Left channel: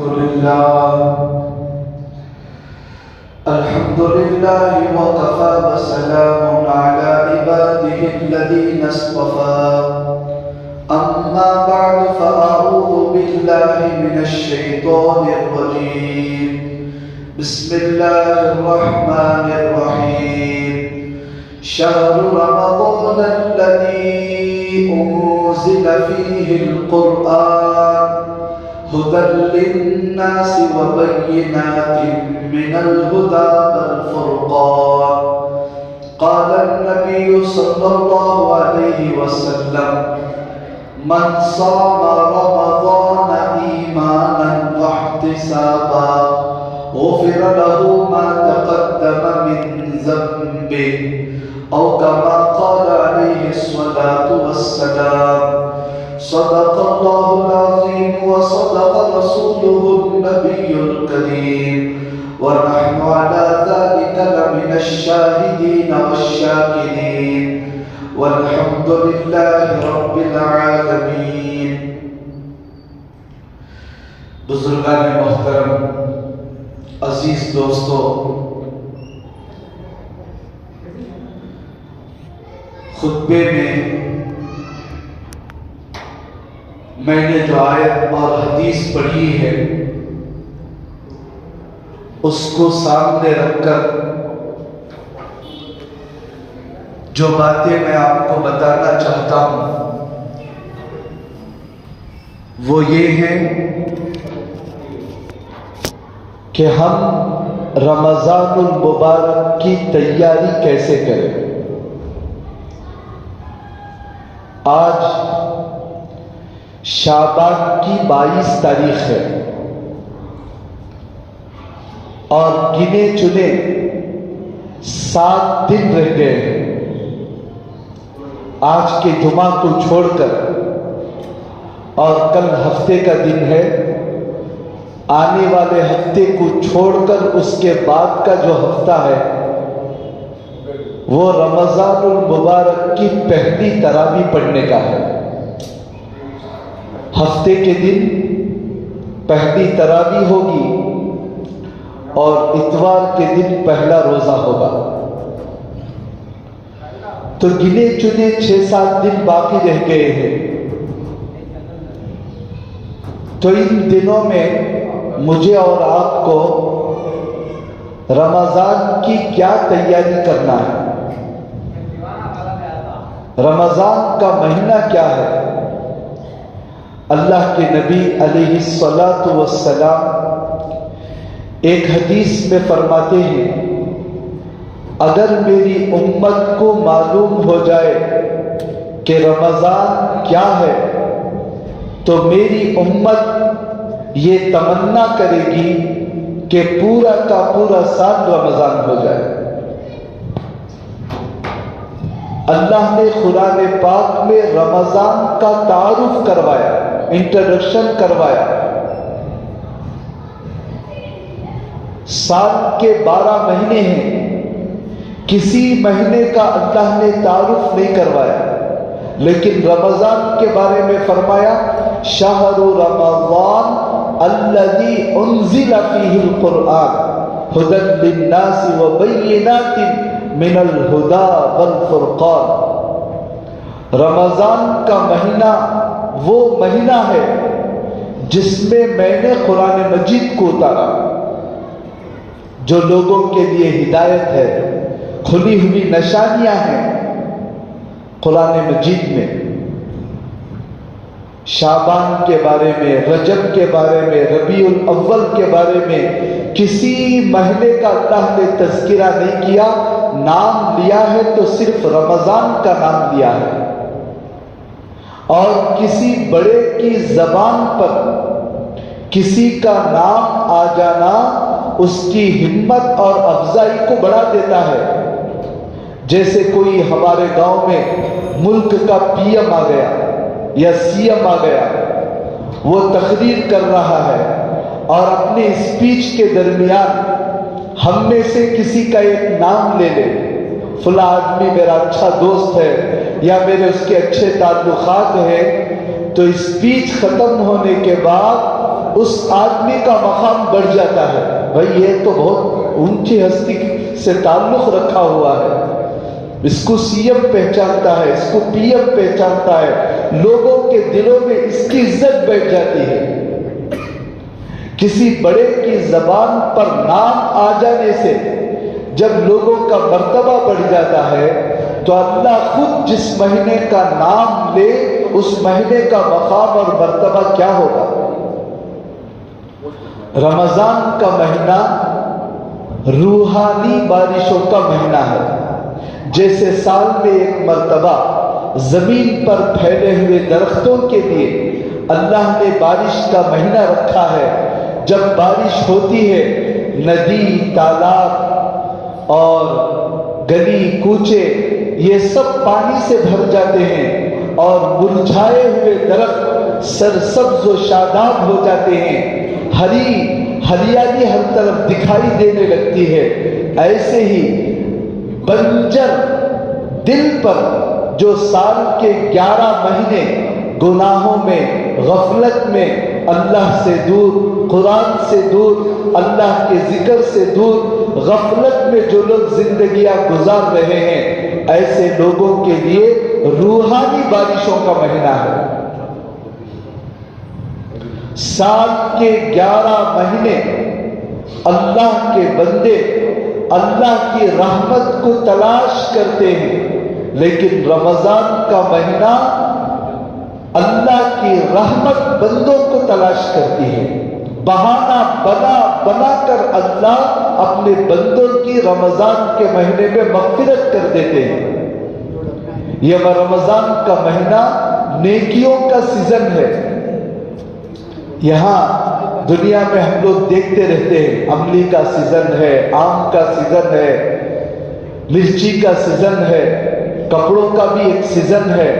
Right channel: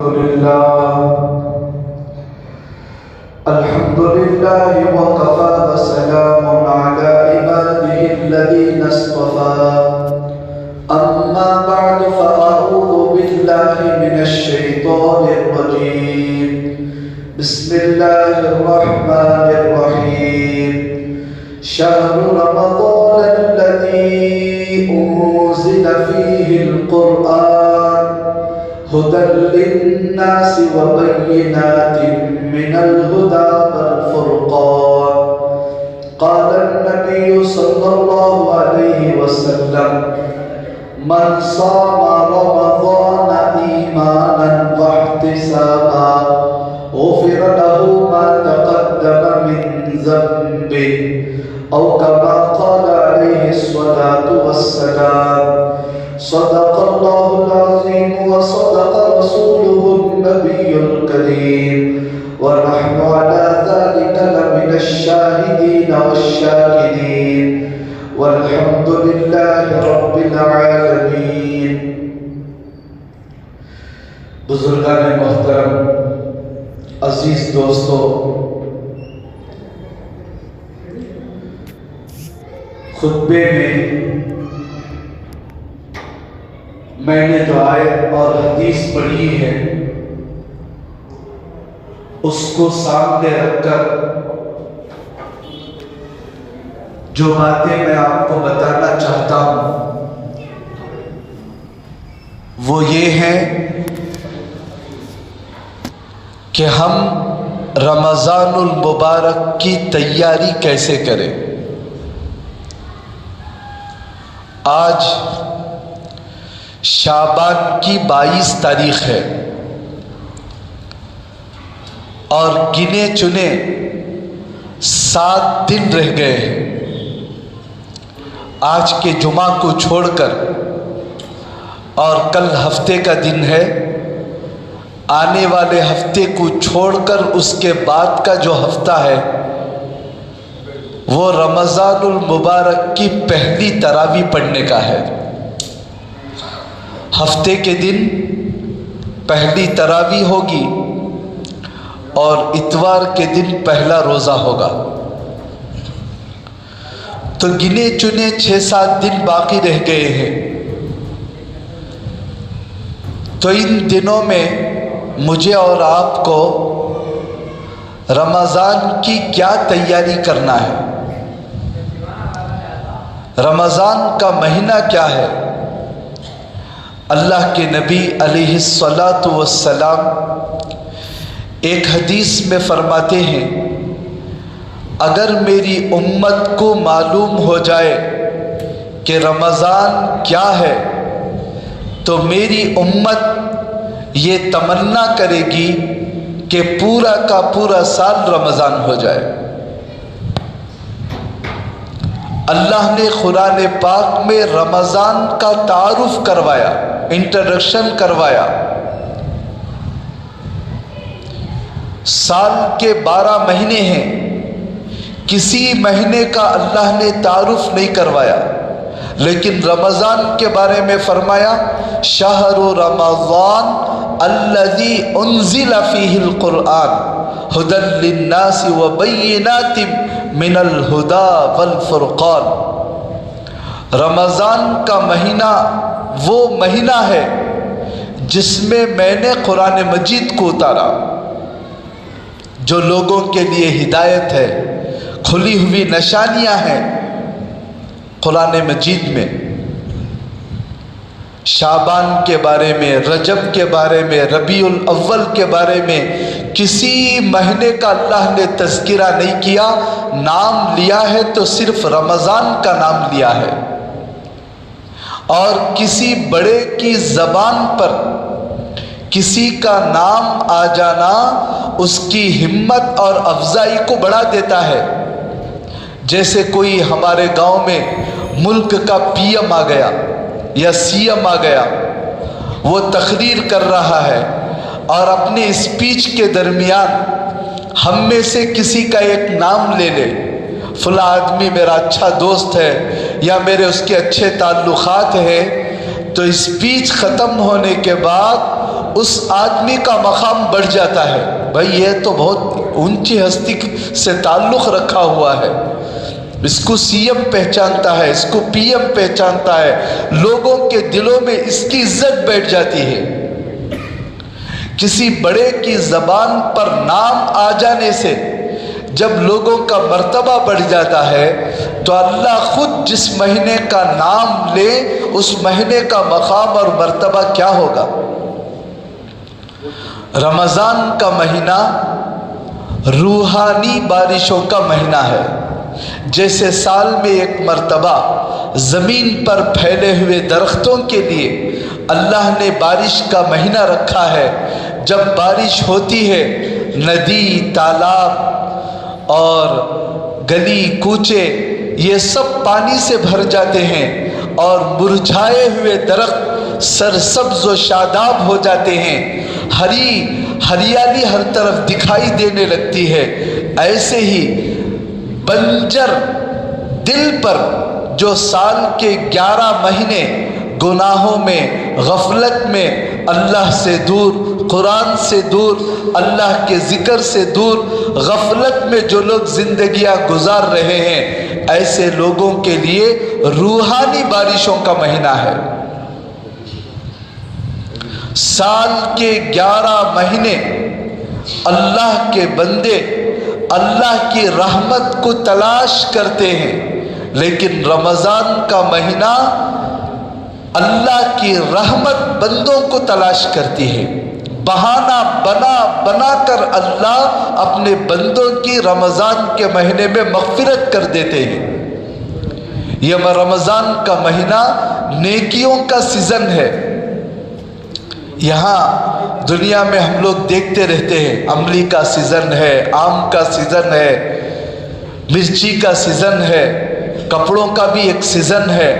الحمد لله وكفى وسلام على عباده الذين اصطفى أما بعد فأعوذ بالله من الشيطان الرجيم بسم الله الرحمن الرحيم شهر رمضان الذي أنزل فيه القرآن هدى للناس وبينات من الهدى والفرقان قال النبي صلى الله عليه وسلم من صام رمضان إيمانا واحتسابا غفر له ما تقدم من ذنبه أو كما قال عليه الصلاة والسلام صدق الله العظيم وصدق رسوله النبي الكريم ونحن على ذلك لمن الشاهدين والشاكرين والحمد لله رب العالمين. بزرگان محترم، عزیز دوستو، خطبے میں میں نے جو آیت اور حدیث پڑھی ہے اس کو سامنے رکھ کر جو باتیں میں آپ کو بتانا چاہتا ہوں وہ یہ ہے کہ ہم رمضان المبارک کی تیاری کیسے کریں. آج شعبان کی 22 تاریخ ہے اور گنے چنے 7 دن رہ گئے ہیں. آج کے جمعہ کو چھوڑ کر اور کل ہفتے کا دن ہے. آنے والے ہفتے کو چھوڑ کر اس کے بعد کا جو ہفتہ ہے وہ رمضان المبارک کی پہلی تراویح پڑھنے کا ہے. ہفتے کے دن پہلی تراویح ہوگی اور اتوار کے دن پہلا روزہ ہوگا. تو گنے چنے 6-7 دن باقی رہ گئے ہیں. تو ان دنوں میں مجھے اور آپ کو رمضان کی کیا تیاری کرنا ہے؟ رمضان کا مہینہ کیا ہے؟ اللہ کے نبی علیہ الصلاۃ والسلام ایک حدیث میں فرماتے ہیں اگر میری امت کو معلوم ہو جائے کہ رمضان کیا ہے تو میری امت یہ تمنا کرے گی کہ پورا کا پورا سال رمضان ہو جائے. اللہ نے قرآن پاک میں رمضان کا تعارف کروایا، انٹروڈکشن کروایا. سال کے 12 مہینے ہیں، کسی مہینے کا اللہ نے تعارف نہیں کروایا، لیکن رمضان کے بارے میں فرمایا شہر رمضان الذی انزل فیہ القرآن ہدی للناس وبینات من الہدی والفرقان. رمضان کا مہینہ وہ مہینہ ہے جس میں میں نے قرآن مجید کو اتارا جو لوگوں کے لیے ہدایت ہے، کھلی ہوئی نشانیاں ہیں قرآن مجید میں. شعبان کے بارے میں، رجب کے بارے میں، ربیع الاول کے بارے میں کسی مہینے کا اللہ نے تذکرہ نہیں کیا. نام لیا ہے تو صرف رمضان کا نام لیا ہے. اور کسی بڑے کی زبان پر کسی کا نام آ جانا اس کی ہمت اور افزائی کو بڑھا دیتا ہے. جیسے کوئی ہمارے گاؤں میں ملک کا پی ایم آ گیا یا سی ایم آ گیا، وہ تقریر کر رہا ہے اور اپنے اسپیچ کے درمیان ہم میں سے کسی کا ایک نام لے لے، فلاں آدمی میرا اچھا دوست ہے یا میرے اس کے اچھے تعلقات ہیں، تو اسپیچ ختم ہونے کے بعد اس آدمی کا مقام بڑھ جاتا ہے. بھائی یہ تو بہت اونچی ہستی سے تعلق رکھا ہوا ہے، اس کو سی ایم پہچانتا ہے، اس کو پی ایم پہچانتا ہے، لوگوں کے دلوں میں اس کی عزت بیٹھ جاتی ہے. کسی بڑے کی زبان پر نام آ جانے سے جب لوگوں کا مرتبہ بڑھ جاتا ہے تو اللہ خود جس مہینے کا نام لے اس مہینے کا مقام اور مرتبہ کیا ہوگا. رمضان کا مہینہ روحانی بارشوں کا مہینہ ہے. جیسے سال میں ایک مرتبہ زمین پر پھیلے ہوئے درختوں کے لیے اللہ نے بارش کا مہینہ رکھا ہے. جب بارش ہوتی ہے ندی، تالاب اور گلی کوچے یہ سب پانی سے بھر جاتے ہیں اور مرجھائے ہوئے درخت سرسبز و شاداب ہو جاتے ہیں، ہریالی ہر طرف دکھائی دینے لگتی ہے. ایسے ہی بنجر دل پر جو سال کے 11 مہینے گناہوں میں، غفلت میں، اللہ سے دور، قرآن سے دور، اللہ کے ذکر سے دور، غفلت میں جو لوگ زندگیاں گزار رہے ہیں، ایسے لوگوں کے لیے روحانی بارشوں کا مہینہ ہے. سال کے 11 مہینے اللہ کے بندے اللہ کی رحمت کو تلاش کرتے ہیں، لیکن رمضان کا مہینہ اللہ کی رحمت بندوں کو تلاش کرتی ہے. بہانہ بنا کر اللہ اپنے بندوں کی رمضان کے مہینے میں مغفرت کر دیتے ہیں. یہ رمضان کا مہینہ نیکیوں کا سیزن ہے. یہاں دنیا میں ہم لوگ دیکھتے رہتے ہیں، املی کا سیزن ہے، آم کا سیزن ہے، مرچی کا سیزن ہے، کپڑوں کا بھی ایک سیزن ہے.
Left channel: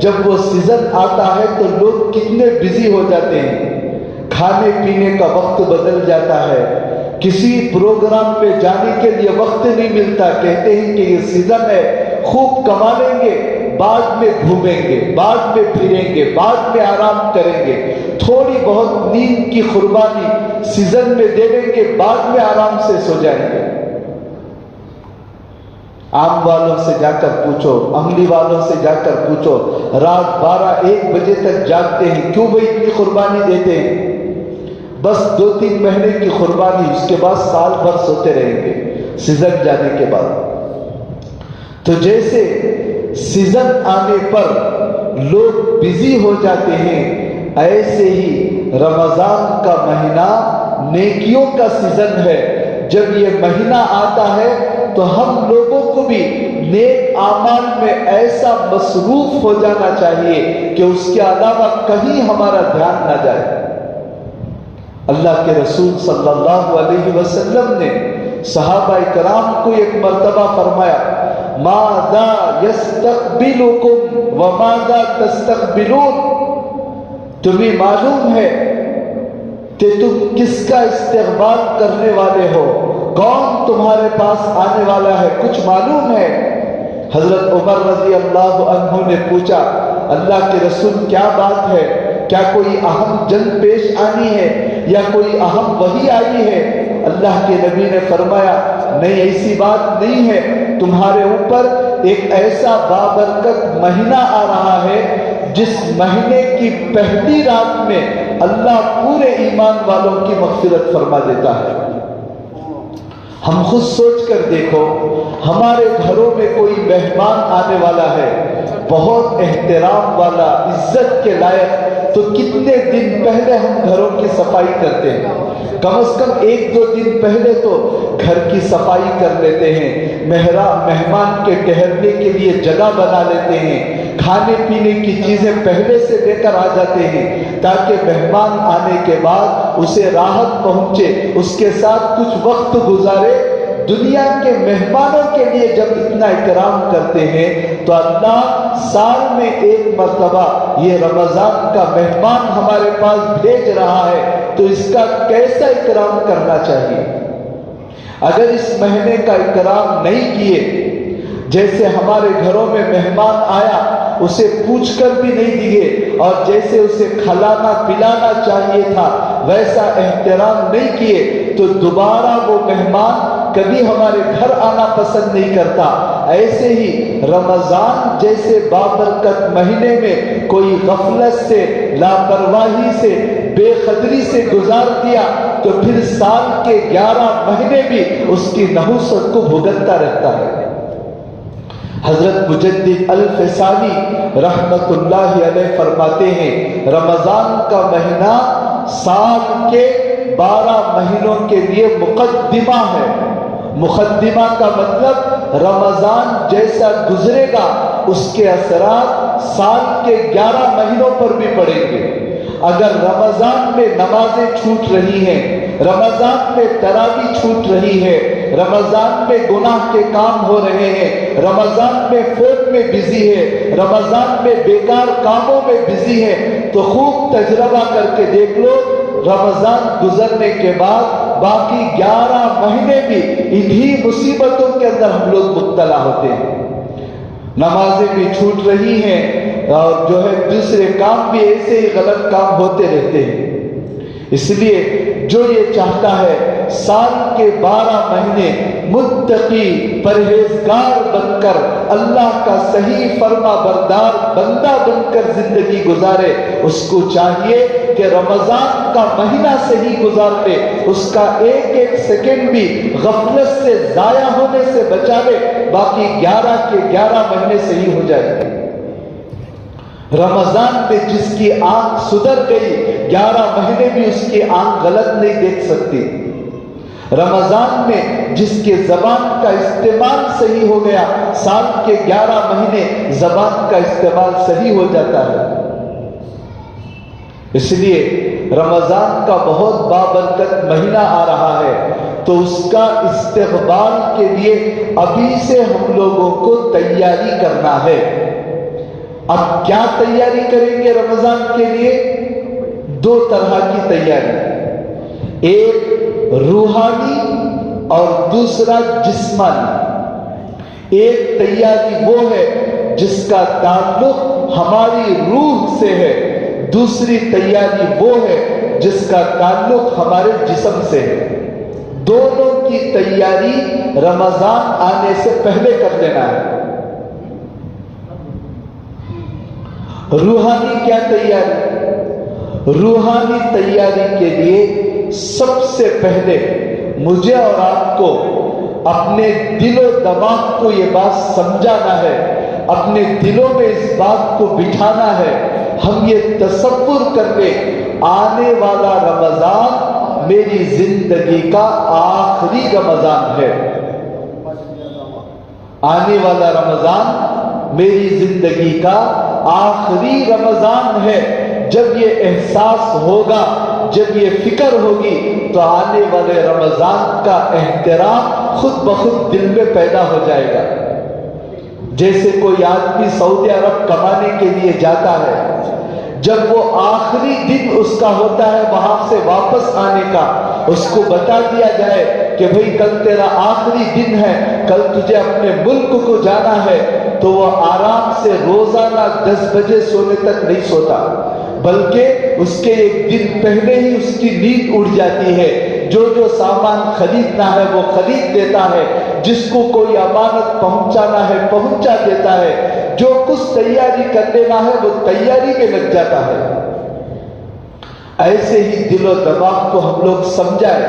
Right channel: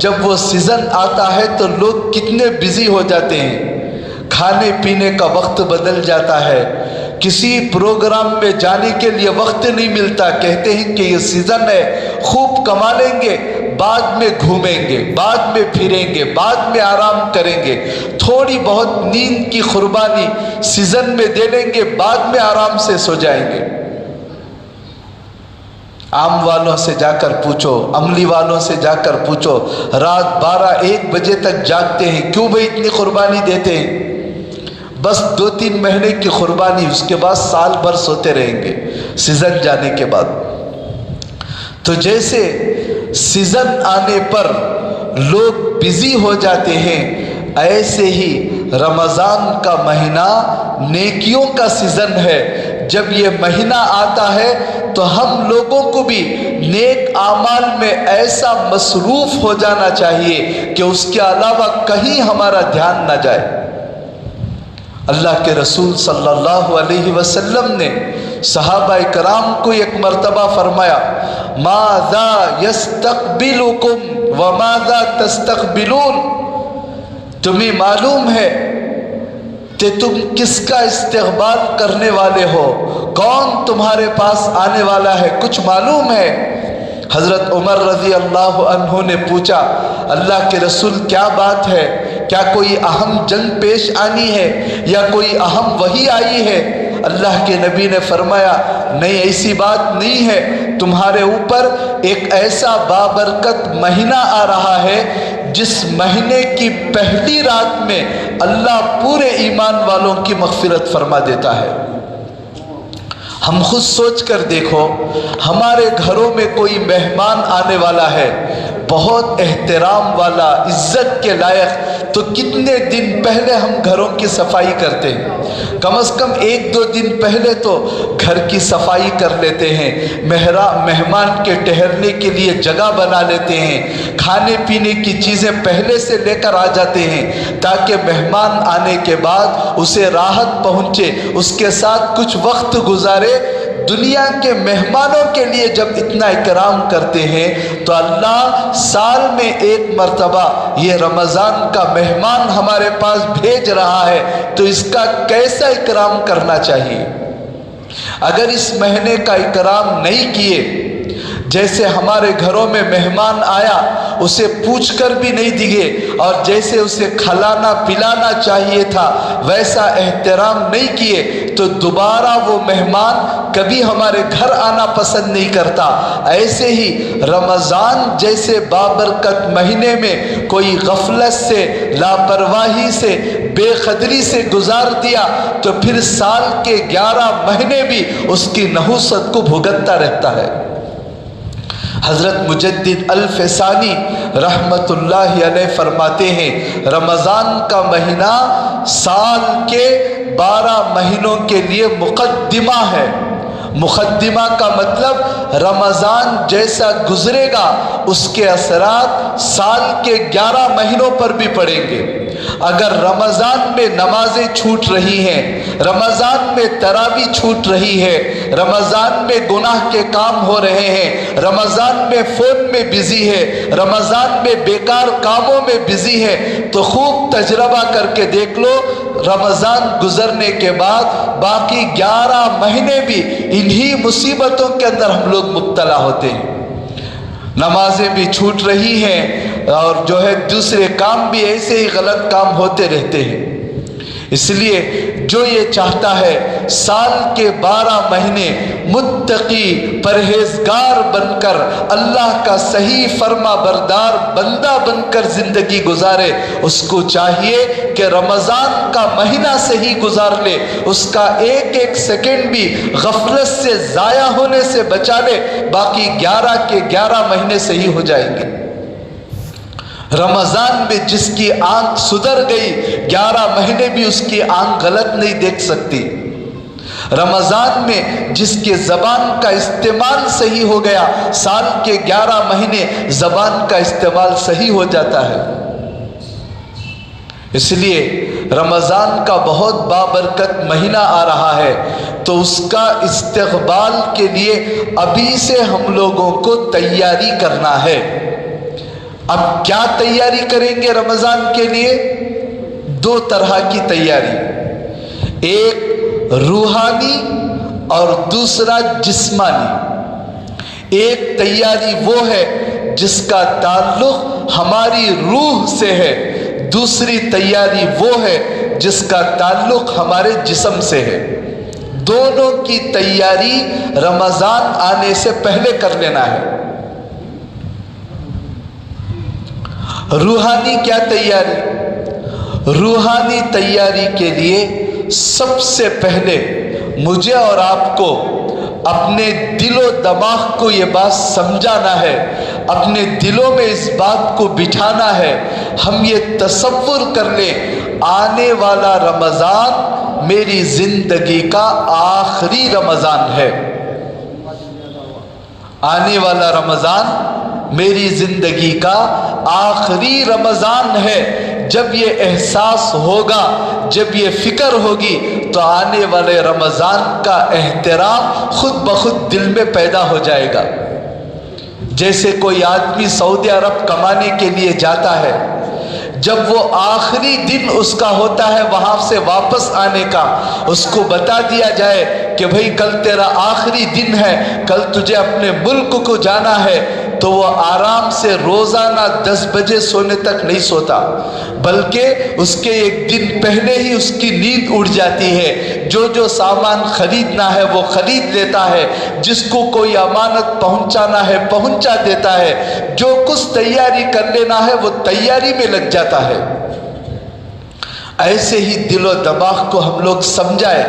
جب وہ سیزن آتا ہے تو لوگ کتنے بزی ہو جاتے ہیں، کھانے پینے کا وقت بدل جاتا ہے، کسی پروگرام میں جانے کے لیے وقت نہیں ملتا. کہتے ہیں کہ یہ سیزن ہے، خوب کما لیں گے، بعد میں گھومیں گے، بعد میں پھریں گے، بعد میں آرام کریں گے، تھوڑی بہت نیند کی قربانی سیزن میں دے دیں گے، بعد میں آرام سے سو جائیں گے. آم والوں سے جا کر پوچھو، املی والوں سے جا کر پوچھو، رات 12-1 بجے تک جاگتے ہیں. کیوں بھائی اتنی قربانی دیتے ہیں؟ بس 2-3 مہینے کی قربانی، اس کے بعد سال بھر سوتے رہیں گے سیزن جانے کے بعد. تو جیسے سیزن آنے پر لوگ بزی ہو جاتے ہیں، ایسے ہی رمضان کا مہینہ نیکیوں کا سیزن ہے. جب یہ مہینہ آتا ہے تو ہم لوگوں کو بھی نیک اعمال میں ایسا مصروف ہو جانا چاہیے کہ اس کے علاوہ کہیں ہمارا دھیان نہ جائے. اللہ کے رسول صلی اللہ علیہ وسلم نے صحابہ کرام کو ایک مرتبہ فرمایا، ماذا یستقبلکم وماذا تستقبلون، تمہیں معلوم ہے کہ تم کس کا استقبال کرنے والے ہو، کون تمہارے پاس آنے والا ہے، کچھ معلوم ہے؟ حضرت عمر رضی اللہ عنہ نے پوچھا، اللہ کے رسول کیا بات ہے؟ کیا کوئی اہم جنگ پیش آنی ہے یا کوئی اہم وحی آئی ہے؟ اللہ کے نبی نے فرمایا، نہیں ایسی بات نہیں ہے، تمہارے اوپر ایک ایسا بابرکت مہینہ آ رہا ہے جس مہینے کی پہلی رات میں اللہ پورے ایمان والوں کی مغفرت فرما دیتا ہے. ہم خود سوچ کر دیکھو، ہمارے گھروں میں کوئی مہمان آنے والا ہے، بہت احترام والا، عزت کے لائق، تو کتنے دن پہلے ہم گھروں کی صفائی کرتے ہیں؟ کم از کم 1-2 دن پہلے تو گھر کی صفائی کر لیتے ہیں، مہمان کے ٹھہرنے کے لیے جگہ بنا لیتے ہیں، کھانے پینے کی چیزیں پہلے سے لے کر آ جاتے ہیں تاکہ مہمان آنے کے بعد اسے راحت پہنچے، اس کے ساتھ کچھ وقت گزارے. دنیا کے مہمانوں کے لیے جب اتنا اکرام کرتے ہیں تو اللہ سال میں 1 مرتبہ یہ رمضان کا مہمان ہمارے پاس بھیج رہا ہے تو اس کا کیسا اکرام کرنا چاہیے. اگر اس مہینے کا اکرام نہیں کیے، جیسے ہمارے گھروں میں مہمان آیا اسے پوچھ کر بھی نہیں دیے، اور جیسے اسے کھلانا پلانا چاہیے تھا ویسا احترام نہیں کیے تو دوبارہ وہ مہمان کبھی ہمارے گھر آنا پسند نہیں کرتا۔ ایسے ہی رمضان جیسے بابرکت مہینے میں کوئی غفلت سے، لاپرواہی سے، بے قدری سے گزار دیا تو پھر سال کے 11 مہینے بھی اس کی نحوست کو بھگتتا رہتا ہے۔ حضرت مجدد الفسانی رحمت اللہ علیہ فرماتے ہیں رمضان کا مہینہ سال کے 12 مہینوں کے لیے مقدمہ ہے۔ مقدمہ کا مطلب رمضان جیسا گزرے گا اس کے اثرات سال کے 11 مہینوں پر بھی پڑیں گے۔ اگر رمضان میں نمازیں چھوٹ رہی ہیں، رمضان میں تراویح چھوٹ رہی ہے، رمضان میں گناہ کے کام ہو رہے ہیں، رمضان میں فون میں بزی ہے، رمضان میں بیکار کاموں میں بزی ہے، تو خوب تجربہ کر کے دیکھ لو رمضان گزرنے کے بعد باقی 11 مہینے بھی انہی مصیبتوں کے اندر ہم لوگ مبتلا ہوتے ہیں۔ نمازیں بھی چھوٹ رہی ہیں اور جو ہے دوسرے کام بھی ایسے ہی غلط کام ہوتے رہتے ہیں۔ اس لیے جو یہ چاہتا ہے سال کے 12 مہینے متقی پرہیزگار بن کر اللہ کا صحیح فرما بردار بندہ بن کر زندگی گزارے، اس کو چاہیے کہ رمضان کا مہینہ صحیح گزار لے، اس کا ایک ایک سیکنڈ بھی غفلت سے ضائع ہونے سے بچا لے، باقی 11 کے 11 مہینے صحیح ہو جائیں گے۔ رمضان میں جس کی آنکھ سدھر گئی 11 مہینے بھی اس کی آنکھ غلط نہیں دیکھ سکتی۔ رمضان میں جس کے زبان کا استعمال صحیح ہو گیا سال کے 11 مہینے زبان کا استعمال صحیح ہو جاتا ہے۔ اس لیے رمضان کا بہت بابرکت مہینہ آ رہا ہے تو اس کا استقبال کے لیے ابھی سے ہم لوگوں کو تیاری کرنا ہے۔ اب کیا تیاری کریں گے رمضان کے لیے؟ 2 طرح کی تیاری، ایک روحانی اور دوسرا جسمانی۔ ایک تیاری وہ ہے جس کا تعلق ہماری روح سے ہے، دوسری تیاری وہ ہے جس کا تعلق ہمارے جسم سے ہے۔ دونوں کی تیاری رمضان آنے سے پہلے کر لینا ہے۔ روحانی کیا تیاری؟ روحانی تیاری کے لیے سب سے پہلے مجھے اور آپ کو اپنے دل و دماغ کو یہ بات سمجھانا ہے، اپنے دلوں میں اس بات کو بٹھانا ہے، ہم یہ تصور کر لیں آنے والا رمضان میری زندگی کا آخری رمضان ہے۔ آنے والا رمضان میری زندگی کا آخری رمضان ہے۔ جب یہ احساس ہوگا، جب یہ فکر ہوگی تو آنے والے رمضان کا احترام خود بخود دل میں پیدا ہو جائے گا۔ جیسے کوئی آدمی سعودی عرب کمانے کے لیے جاتا ہے، جب وہ آخری دن اس کا ہوتا ہے وہاں سے واپس آنے کا، اس کو بتا دیا جائے کہ بھئی کل تیرا آخری دن ہے، کل تجھے اپنے ملک کو جانا ہے، تو وہ آرام سے روزانہ 10 بجے سونے تک نہیں سوتا، بلکہ اس کے ایک دن پہلے ہی اس کی نیند اڑ جاتی ہے۔ جو سامان خریدنا ہے وہ خرید لیتا ہے، جس کو کوئی امانت پہنچانا ہے پہنچا دیتا ہے، جو کچھ تیاری کر لینا ہے وہ تیاری میں لگ جاتا ہے۔ ایسے ہی دل و دماغ کو ہم لوگ سمجھائیں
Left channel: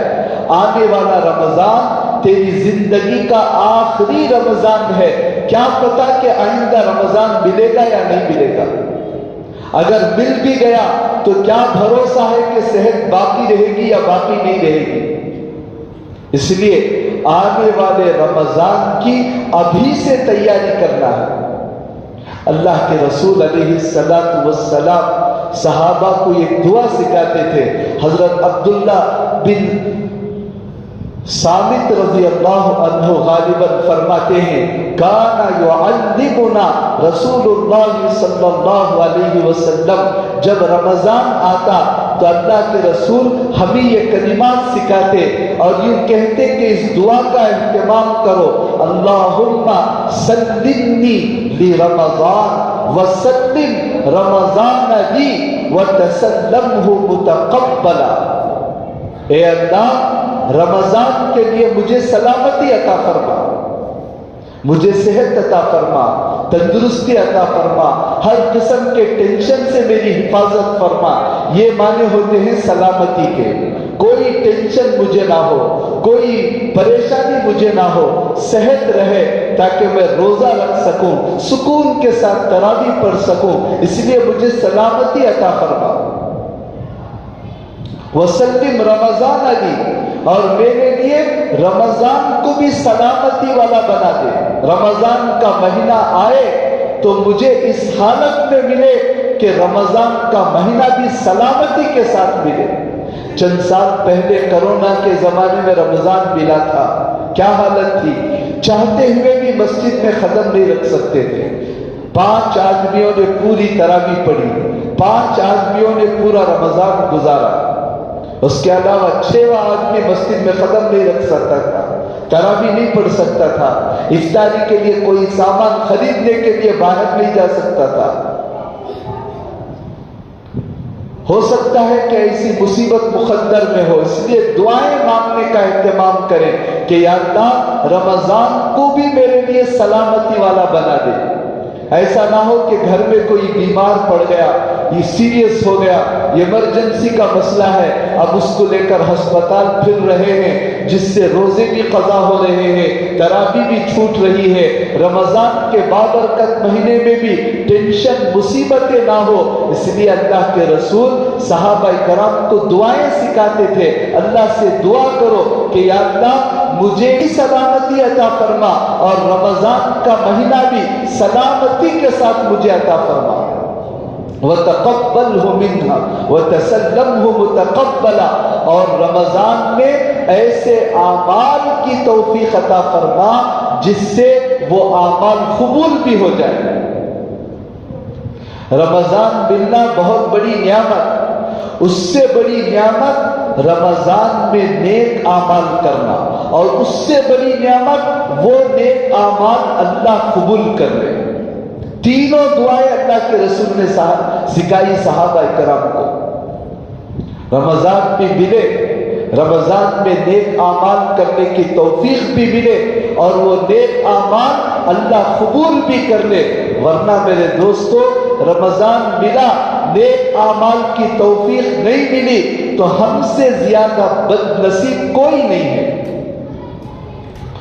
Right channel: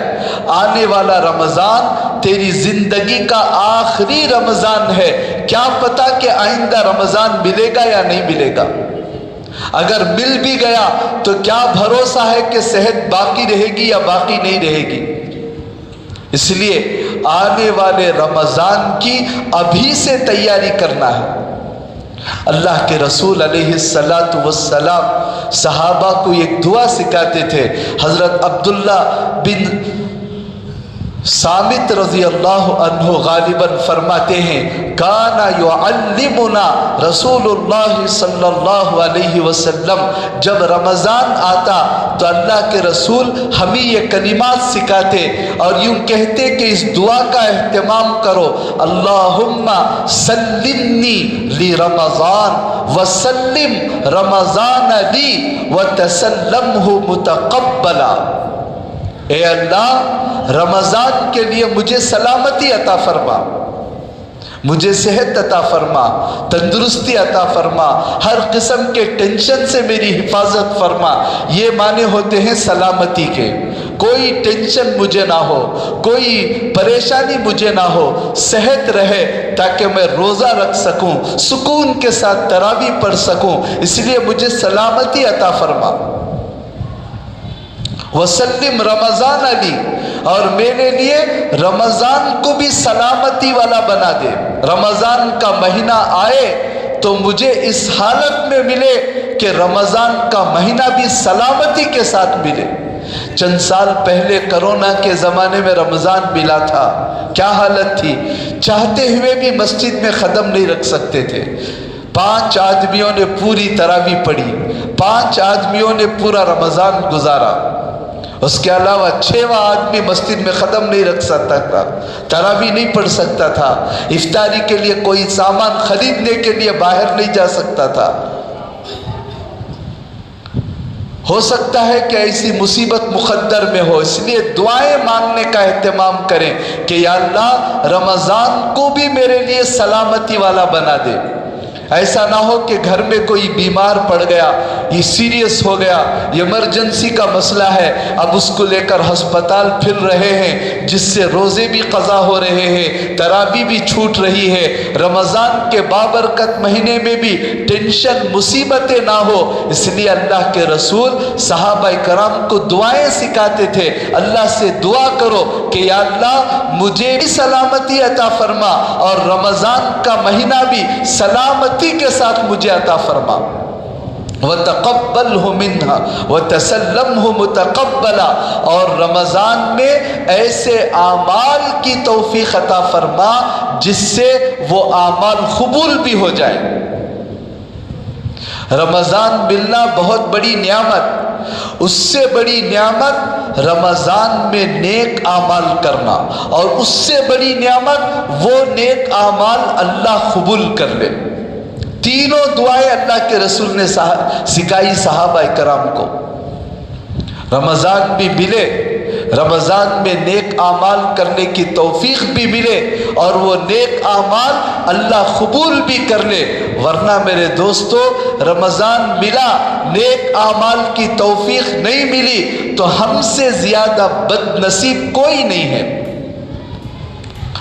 آنے والا رمضان تیری زندگی کا آخری رمضان ہے، کیا پتا کہ آئندہ رمضان ملے گا یا نہیں ملے گا۔ اگر مل بھی گیا تو کیا بھروسہ ہے کہ صحت باقی رہے گی یا باقی نہیں رہے گی۔ اس لیے آنے والے رمضان کی ابھی سے تیاری کرنا ہے۔ اللہ کے رسول علیہ السلام صحابہ کو ایک دعا سکھاتے تھے۔ حضرت عبداللہ بن صامت رضی اللہ عنہ غالباً فرماتے ہیں کانا یعلمنا رسول اللہ صلی اللہ علیہ وسلم، جب رمضان آتا تو اللہ کے رسول ہمیں یہ کلمات سکھاتے اور یوں کہتے کہ اس دعا کا اہتمام کرو، اللہم سلمنی لی رمضان وسلم رمضان لی وتسلمہ متقبلا۔ اے اللہ رمضان کے لیے مجھے سلامتی عطا فرما، مجھے صحت عطا فرما، تندرستی عطا فرما، ہر قسم کے ٹینشن سے میری حفاظت فرما۔ یہ معنی ہوتے ہیں سلامتی کے، کوئی ٹینشن مجھے نہ ہو، کوئی پریشانی مجھے نہ ہو، صحت رہے تاکہ میں روزہ رکھ سکوں، سکون کے ساتھ تراویح پڑھ سکوں، اس لیے مجھے سلامتی عطا فرما۔ وسلم رمضان علی، اور میرے لیے رمضان کو بھی سلامتی والا بنا دے۔ رمضان کا مہینہ آئے تو مجھے اس حالت میں ملے کہ رمضان کا مہینہ بھی سلامتی کے ساتھ ملے۔ چند سال پہلے کرونا کے زمانے میں رمضان ملا تھا، کیا حالت تھی، چاہتے ہوئے بھی مسجد میں قدم نہیں رکھ سکتے تھے۔ 5 آدمیوں نے پوری تراویح پڑھی، 5 آدمیوں نے پورا رمضان گزارا، اس کے علاوہ 6واں آدمی مسجد میں قدم نہیں رکھ سکتا تھا، تراویح نہیں پڑھ سکتا تھا، افطاری کے لیے کوئی سامان خریدنے کے لیے باہر نہیں جا سکتا تھا۔ ہو سکتا ہے کہ ایسی مصیبت مقدر میں ہو، اس لیے دعائیں مانگنے کا اہتمام کریں کہ یا اللہ رمضان کو بھی میرے لیے سلامتی والا بنا دے۔ ایسا نہ ہو کہ گھر میں کوئی بیمار پڑ گیا، یہ سیریس ہو گیا، ایمرجنسی کا مسئلہ ہے، اب اس کو لے کر ہسپتال پھر رہے ہیں، جس سے روزے بھی قضا ہو رہے ہیں، تراویح بھی چھوٹ رہی ہے۔ رمضان کے بابرکت مہینے میں بھی ٹینشن مصیبتیں نہ ہو، اس لیے اللہ کے رسول صحابہ کرام کو دعائیں سکھاتے تھے۔ اللہ سے دعا کرو کہ یا اللہ مجھے بھی سلامتی عطا فرما اور رمضان کا مہینہ بھی سلامتی کے ساتھ مجھے عطا فرما۔ وَتَقَبَّلْهُ مِنْهَا وَتَسَلَّمْهُ مُتَقَبَّلًا، اور رمضان میں ایسے اعمال کی توفیق عطا فرما جس سے وہ اعمال قبول بھی ہو جائے۔ رمضان ملنا بہت بڑی نعمت، اس سے بڑی نعمت رمضان میں نیک اعمال کرنا، اور اس سے بڑی نعمت وہ نیک اعمال اللہ قبول کر لے۔ تینوں دعائیں اللہ کے رسول نے سکھائی صحابہ کرام کو۔ رمضان بھی ملے، رمضان میں نیک اعمال کرنے کی توفیق بھی ملے، اور وہ نیک اعمال اللہ قبول بھی کر لے، ورنہ میرے دوستو رمضان ملا، نیک اعمال کی توفیق نہیں ملی تو ہم سے زیادہ بد نصیب کوئی نہیں ہے۔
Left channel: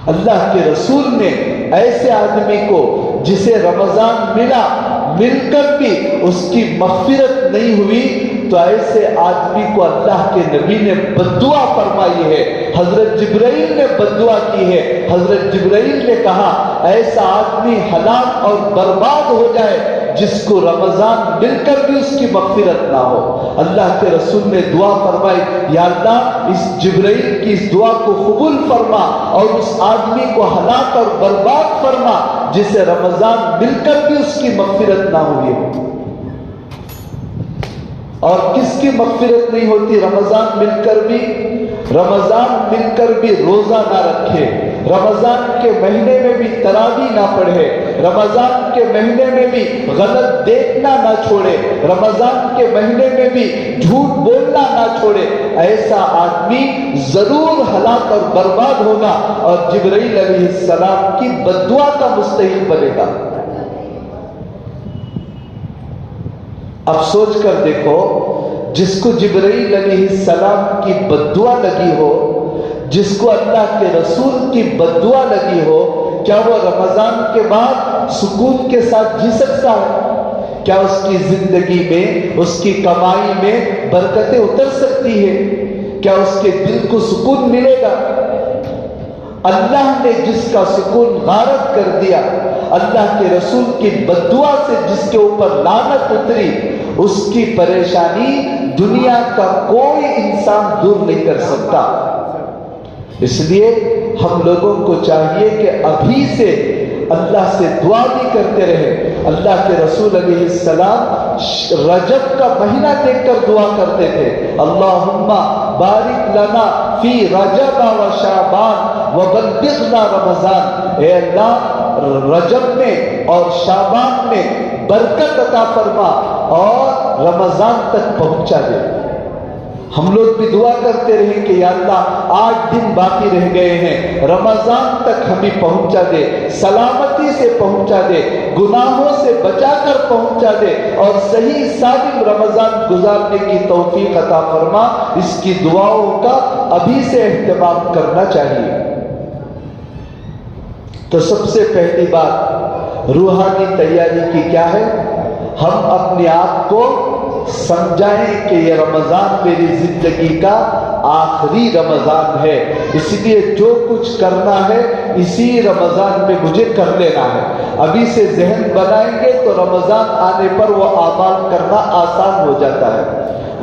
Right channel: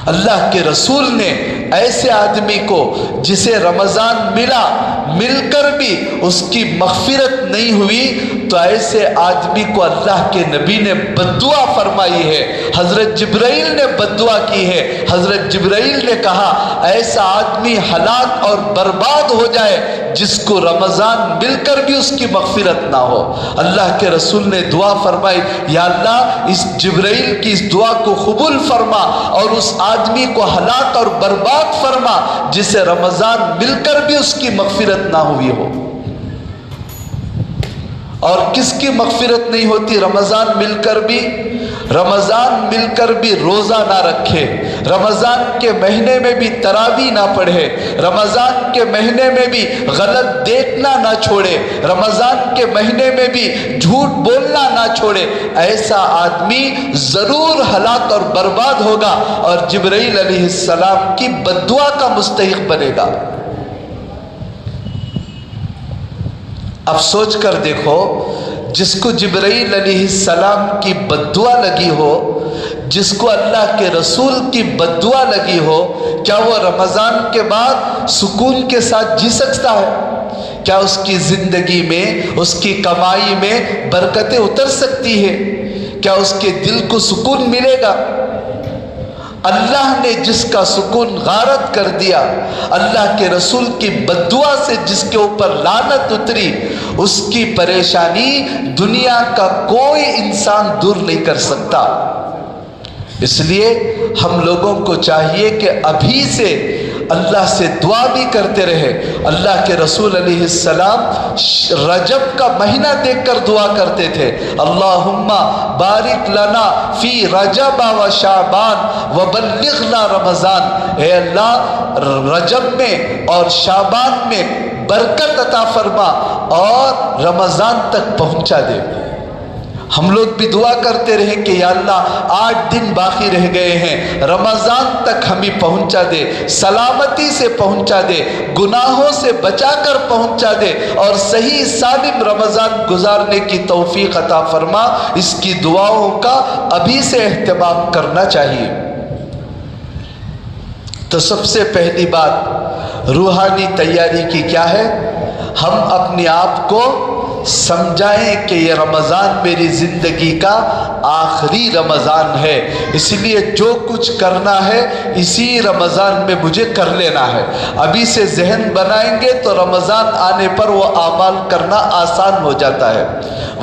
اللہ کے رسول نے ایسے آدمی کو جسے رمضان ملا، مل کر بھی اس کی مغفرت نہیں ہوئی، تو ایسے آدمی کو اللہ کے نبی نے بددعا فرمائی ہے، حضرت جبرائیل نے بددعا کی ہے۔ حضرت جبرائیل نے کہا ایسا آدمی ہلاک اور برباد ہو جائے جس کو رمضان مل کر بھی اس کی مغفرت نہ ہو۔ اللہ کے رسول نے دعا فرمائی، یا اللہ اس جبرائیل کی اس دعا کو قبول فرما اور اس آدمی کو ہلاک اور برباد فرما جسے رمضان مل کر بھی اس کی مغفرت نہ ہوئی ہو۔ اور کس کی مغفرت نہیں ہوتی رمضان مل کر بھی؟ رمضان مل کر بھی روزہ نہ رکھے، رمضان کے مہینے میں بھی تراویح نہ پڑھے، رمضان کے مہینے میں بھی غلط دیکھنا نہ چھوڑے، رمضان کے مہینے میں بھی جھوٹ بولنا نہ چھوڑے، ایسا آدمی ضرور ہلاک اور برباد ہوگا اور جبرائیل علیہ السلام کی بددعا کا مستحق بنے گا۔ اب سوچ کر دیکھو، جس کو جبرائیل علیہ السلام کی بددعا لگی ہو، جس کو اللہ کے رسول کی بددعا لگی ہو، کیا وہ رمضان کے بعد سکون کے ساتھ جی سکتا ہے؟ کیا اس کی زندگی میں، اس کی کمائی میں برکتیں اتر سکتی ہے؟ کیا اس کے دل کو سکون ملے گا؟ اللہ نے جس کا سکون غارت کر دیا، اللہ کے رسول کی بددعا سے جس کے اوپر لعنت اتری، اس کی پریشانی دنیا کا کوئی انسان دور نہیں کر سکتا۔ اس لیے ہم لوگوں کو چاہیے کہ ابھی سے اللہ سے دعا بھی کرتے رہے۔ اللہ کے رسول علیہ السلام رجب کا مہینہ دیکھ کر دعا کرتے تھے، اللہم بارک لنا فی رجب و شعبان وبلغنا رمضان، اے اللہ رجب میں اور شعبان میں برکت عطا فرما اور رمضان تک پہنچا دے۔ ہم لوگ بھی دعا کرتے رہے کہ یا اللہ 8 دن باقی رہ گئے ہیں، رمضان تک ہمیں پہنچا دے، سلامتی سے پہنچا دے، گناہوں سے بچا کر پہنچا دے اور صحیح سالم رمضان گزارنے کی توفیق عطا فرما۔ اس کی دعاؤں کا ابھی سے اہتمام کرنا چاہیے۔ تو سب سے پہلی بات روحانی تیاری کی کیا ہے؟ ہم اپنے آپ کو سمجھائیں کہ یہ رمضان میری زندگی کا آخری رمضان ہے، اس لیے جو کچھ کرنا ہے اسی رمضان میں مجھے کر لینا ہے۔ ابھی سے ذہن بنائیں گے تو رمضان آنے پر وہ اعمال کرنا آسان ہو جاتا ہے،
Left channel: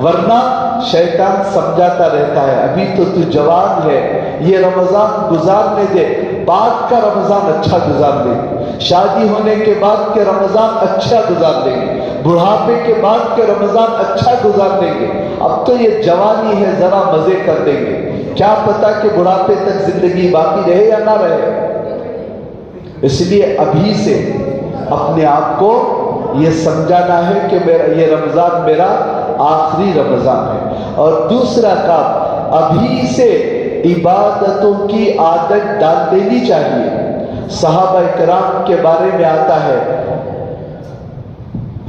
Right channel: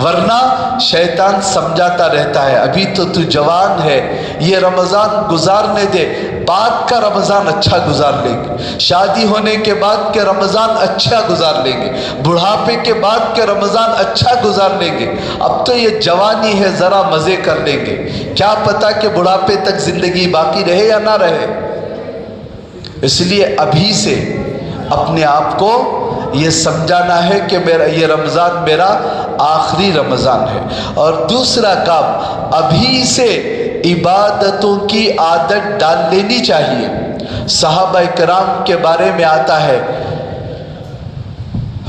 ورنہ شیطان سمجھاتا رہتا ہے ابھی تو تو جوان ہے، یہ رمضان گزارنے دے، بعد کا رمضان اچھا گزار لیں گے، شادی ہونے کے بعد کے رمضان اچھا گزار لیں گے، بڑھاپے کے بعد کے رمضان اچھا گزار لیں گے، اب تو یہ جوانی ہے ذرا مزے کر لیں گے، کیا پتا کہ بڑھاپے تک زندگی باقی رہے یا نہ رہے۔ اس لیے ابھی سے اپنے آپ کو یہ سمجھانا ہے کہ یہ رمضان میرا آخری رمضان ہے۔ اور دوسرا کام، ابھی سے عبادتوں کی عادت ڈال لینی چاہیے۔ صحابہ کرام کے بارے میں آتا ہے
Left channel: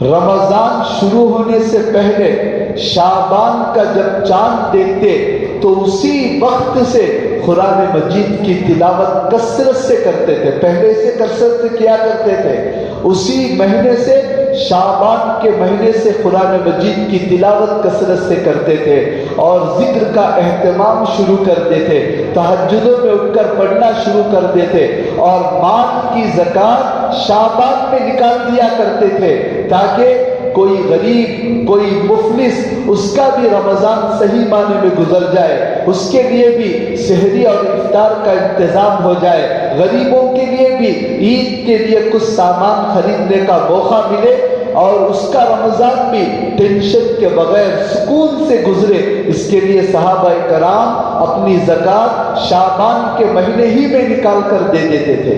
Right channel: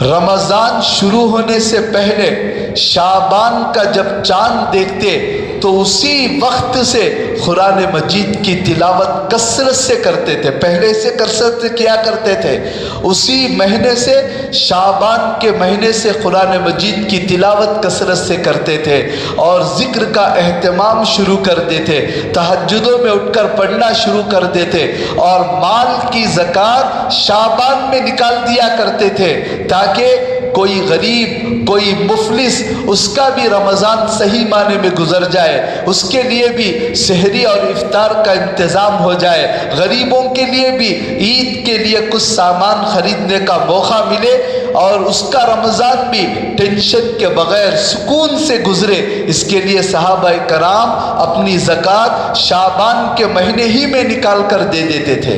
رمضان شروع ہونے سے پہلے شعبان کا جب چاند دیکھتے تو اسی وقت سے قرآن مجید کی تلاوت کثرت سے کرتے تھے، پہلے سے کثرت کیا کرتے تھے، اسی مہینے سے شعبان کے مہینے سے قرآن مجید کی تلاوت کثرت سے کرتے تھے اور ذکر کا اہتمام شروع کر دیتے، تہجدوں میں اٹھ کر پڑھنا شروع کر دیتے اور مال کی زکوٰۃ شعبان میں نکال دیا کرتے تھے تاکہ کوئی غریب، کوئی مفلس، اس کا بھی رمضان صحیح معنی میں گزر جائے، اس کے لیے بھی سحری اور افطار کا انتظام ہو جائے، غریبوں کے لیے بھی عید کے لیے کچھ سامان خریدنے کا موقع ملے اور اس کا رمضان بھی ٹینشن کے بغیر سکون سے گزرے۔ اس کے لیے صحابہ کرام اپنی زکوٰۃ شعبان کے مہینے ہی میں نکال کر دے دیتے تھے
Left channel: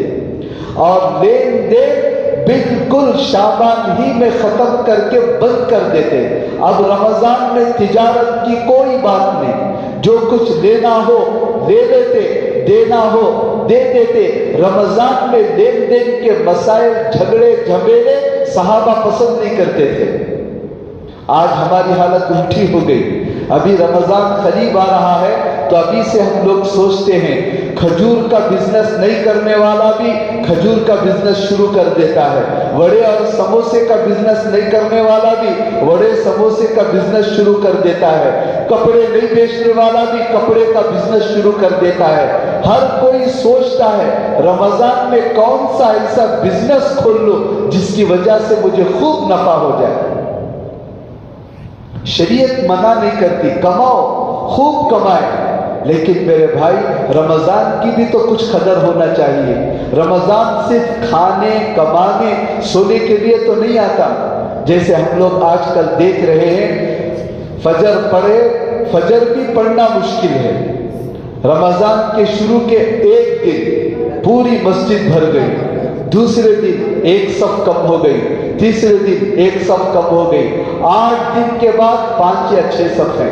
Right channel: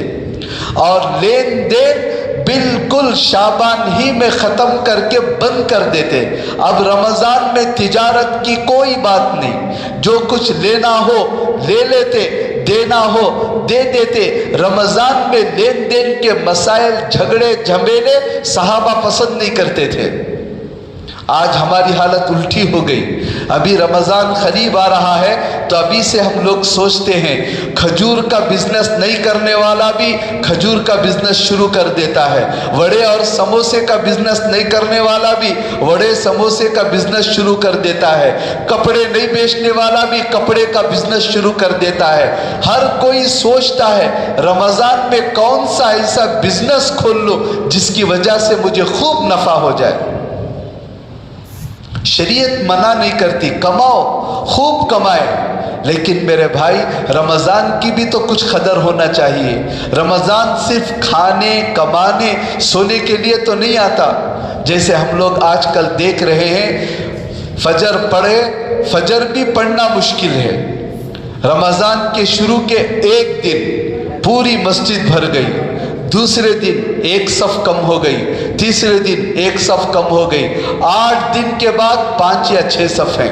اور لین دین بالکل شعبان ہی میں ختم کر کے بند کر دیتے۔ اب رمضان میں تجارت کی کوئی بات نہیں، جو کچھ لینا ہو لے لیتے، دینا ہو دے دیتے۔ رمضان میں لین دین کے مسائل، جھگڑے جھمیلے صحابہ پسند نہیں کرتے تھے۔ آج ہماری حالت الٹی ہو گئی، ابھی رمضان قریب آ رہا ہے تو ابھی سے ہم لوگ سوچتے ہیں کھجور کا بزنس نہیں کرنے والا بھی کھجور کا بزنس شروع کر دیتا ہے، وڑے اور سموسے کا بزنس نہیں کرنے والا بھی وڑے سموسے کا بزنس شروع کر دیتا ہے، کپڑے نہیں بیچنے والا بھی کپڑے کا بزنس شروع کر دیتا ہے۔ ہر کوئی سوچتا ہے رمضان میں کون سا ایسا بزنس کھول لوں جس کی وجہ سے مجھے خوب نفع ہو جائے۔ شریعت منع نہیں کرتی، کماؤ، خوب کمائے، لیکن میرے بھائی رمضان کی بھی تو کچھ قدر ہونا چاہیے۔ رمضان صرف کھانے، کمانے، سونے کے لیے تو نہیں آتا۔ جیسے ہم لوگ آج کل دیکھ رہے ہیں فجر پڑھے، فجر بھی پڑھنا مشکل ہے۔ رمضان کے شروع کے ایک دن پوری مسجد بھر گئی، دوسرے دن ایک صف کم ہو گئی، تیسرے دن ایک صف کم ہو گئی، 8 دن کے بعد 5 یا 6 صف ہے۔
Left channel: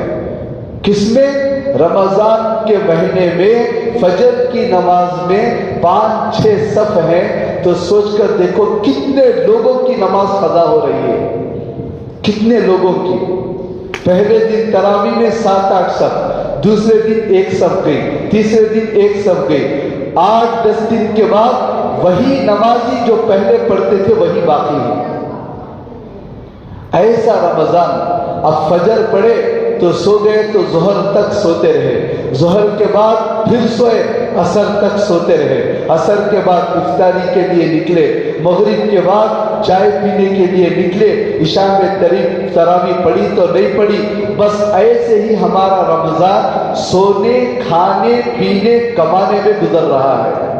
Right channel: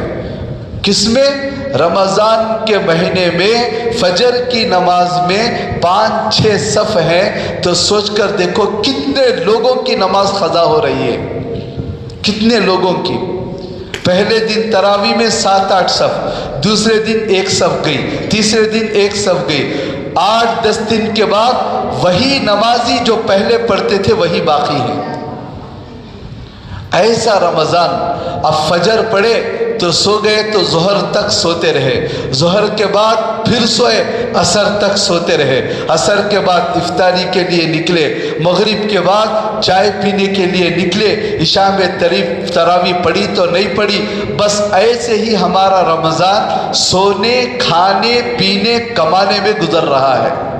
کس میں؟ رمضان کے مہینے میں فجر کی نماز میں 5-6 صف ہے، تو سوچ کر دیکھو کتنے لوگوں کی نماز قضا ہو رہی ہے، کتنے لوگوں کی۔ پہلے دن تراویح میں 7-8 صف، دوسرے دن ایک صف گئی، تیسرے دن ایک صف گئی، 8-10 دن کے بعد وہی نمازی جو پہلے پڑھتے تھے وہی باقی ہے۔ ایسا رمضان، اب فجر پڑھے تو سو گئے تو ظہر تک سوتے رہے، ظہر کے بعد پھر سوئے، عصر تک سوتے رہے، عصر کے بعد افطاری کے لیے نکلے، مغرب کے بعد چائے پینے کے لیے نکلے، عشاء میں تراویح پڑھی تو نہیں پڑھی، بس ایسے ہی ہمارا رمضان سونے، کھانے، پینے، کمانے میں گزر رہا ہے۔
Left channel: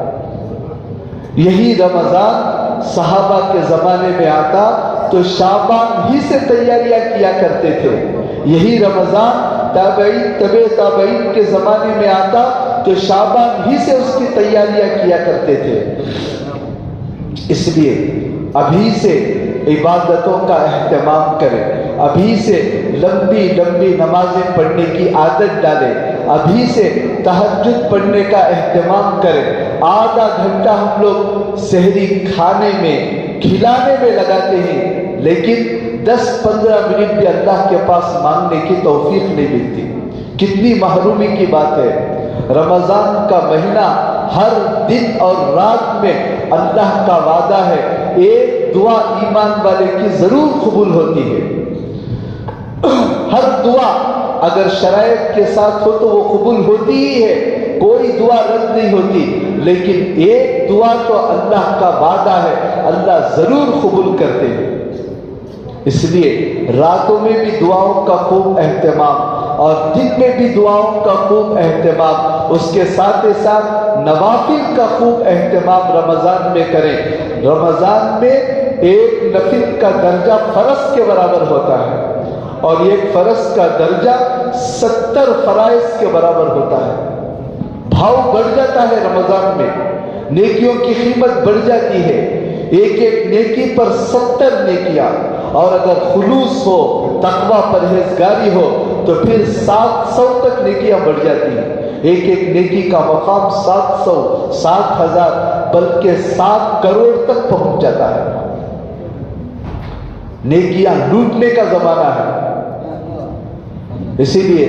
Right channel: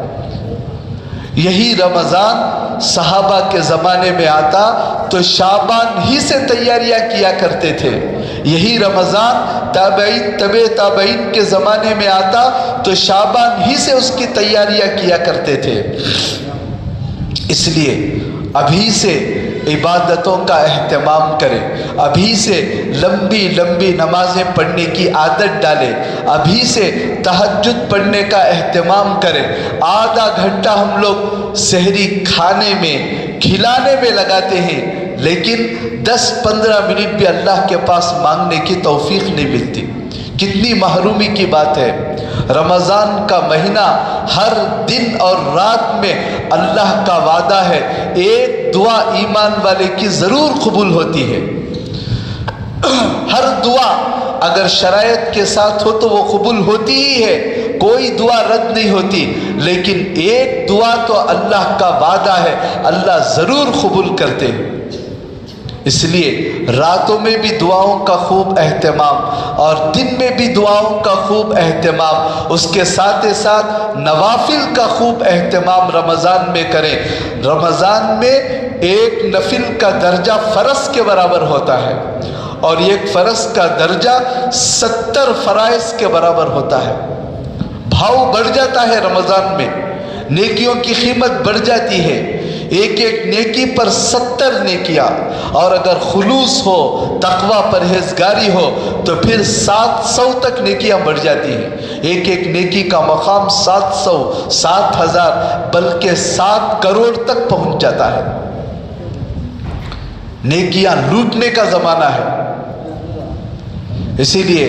یہی رمضان صحابہ کے زمانے میں آتا تو شعبان ہی سے تیاریاں کیا کرتے تھے. یہی رمضان تابعین تبع تابعین کے زمانے میں آتا تو شعبان ہی سے اس کی تیاریاں کیا کرتے تھے. اس لیے ابھی سے عبادتوں کا اہتمام کریں، ابھی سے لمبی لمبی نمازیں پڑھنے کی عادت ڈالیں، ابھی سے تہجد پڑھنے کا اہتمام کریں. آدھا گھنٹہ ہم لوگ سحری کھانے میں کھلانے میں لگاتے ہیں، لیکن 10-15 منٹ بھی اللہ کے پاس مانگنے کی توفیق نہیں ملتی. کتنی محرومی کی بات ہے. رمضان کا مہینہ ہر دن اور رات میں اللہ کا وعدہ ہے ایک دعا ایمان والے کی ضرور قبول ہوتی ہے. ہر دعا اگر شرائط کے ساتھ ہو تو وہ قبول ہوتی ہی ہے، کوئی دعا رد نہیں ہوتی. لیکن ایک دعا تو اللہ کا وعدہ ہے اللہ ضرور قبول کرتے ہیں. اس لیے راتوں میں بھی دعاؤں کا خوب اہتمام اور دن میں بھی دعاؤں کا خوب اہتمام، اس کے ساتھ ساتھ نوافل کا خوب اہتمام رمضان میں کریں. رمضان میں ایک نفل کا درجہ فرض کے برابر ہوتا ہے اور ایک فرض کا درجہ 70 فرائض کے برابر ہوتا ہے. بھاؤ بڑھ جاتا ہے رمضان میں، نیکیوں کی قیمت بڑھ جاتی ہے. ایک ایک نیکی پر 70 نیکیاں، اور اگر خلوص ہو، تقوی پرہیزگاری ہو تو پھر 700 تک نیکیاں بڑھ جاتی ہیں. ایک ایک نیکی کا مقام 700، 7000 بلکہ 7 کروڑ تک پہنچ جاتا ہے. نیکیاں لوٹنے کا زمانہ ہے. اسی لیے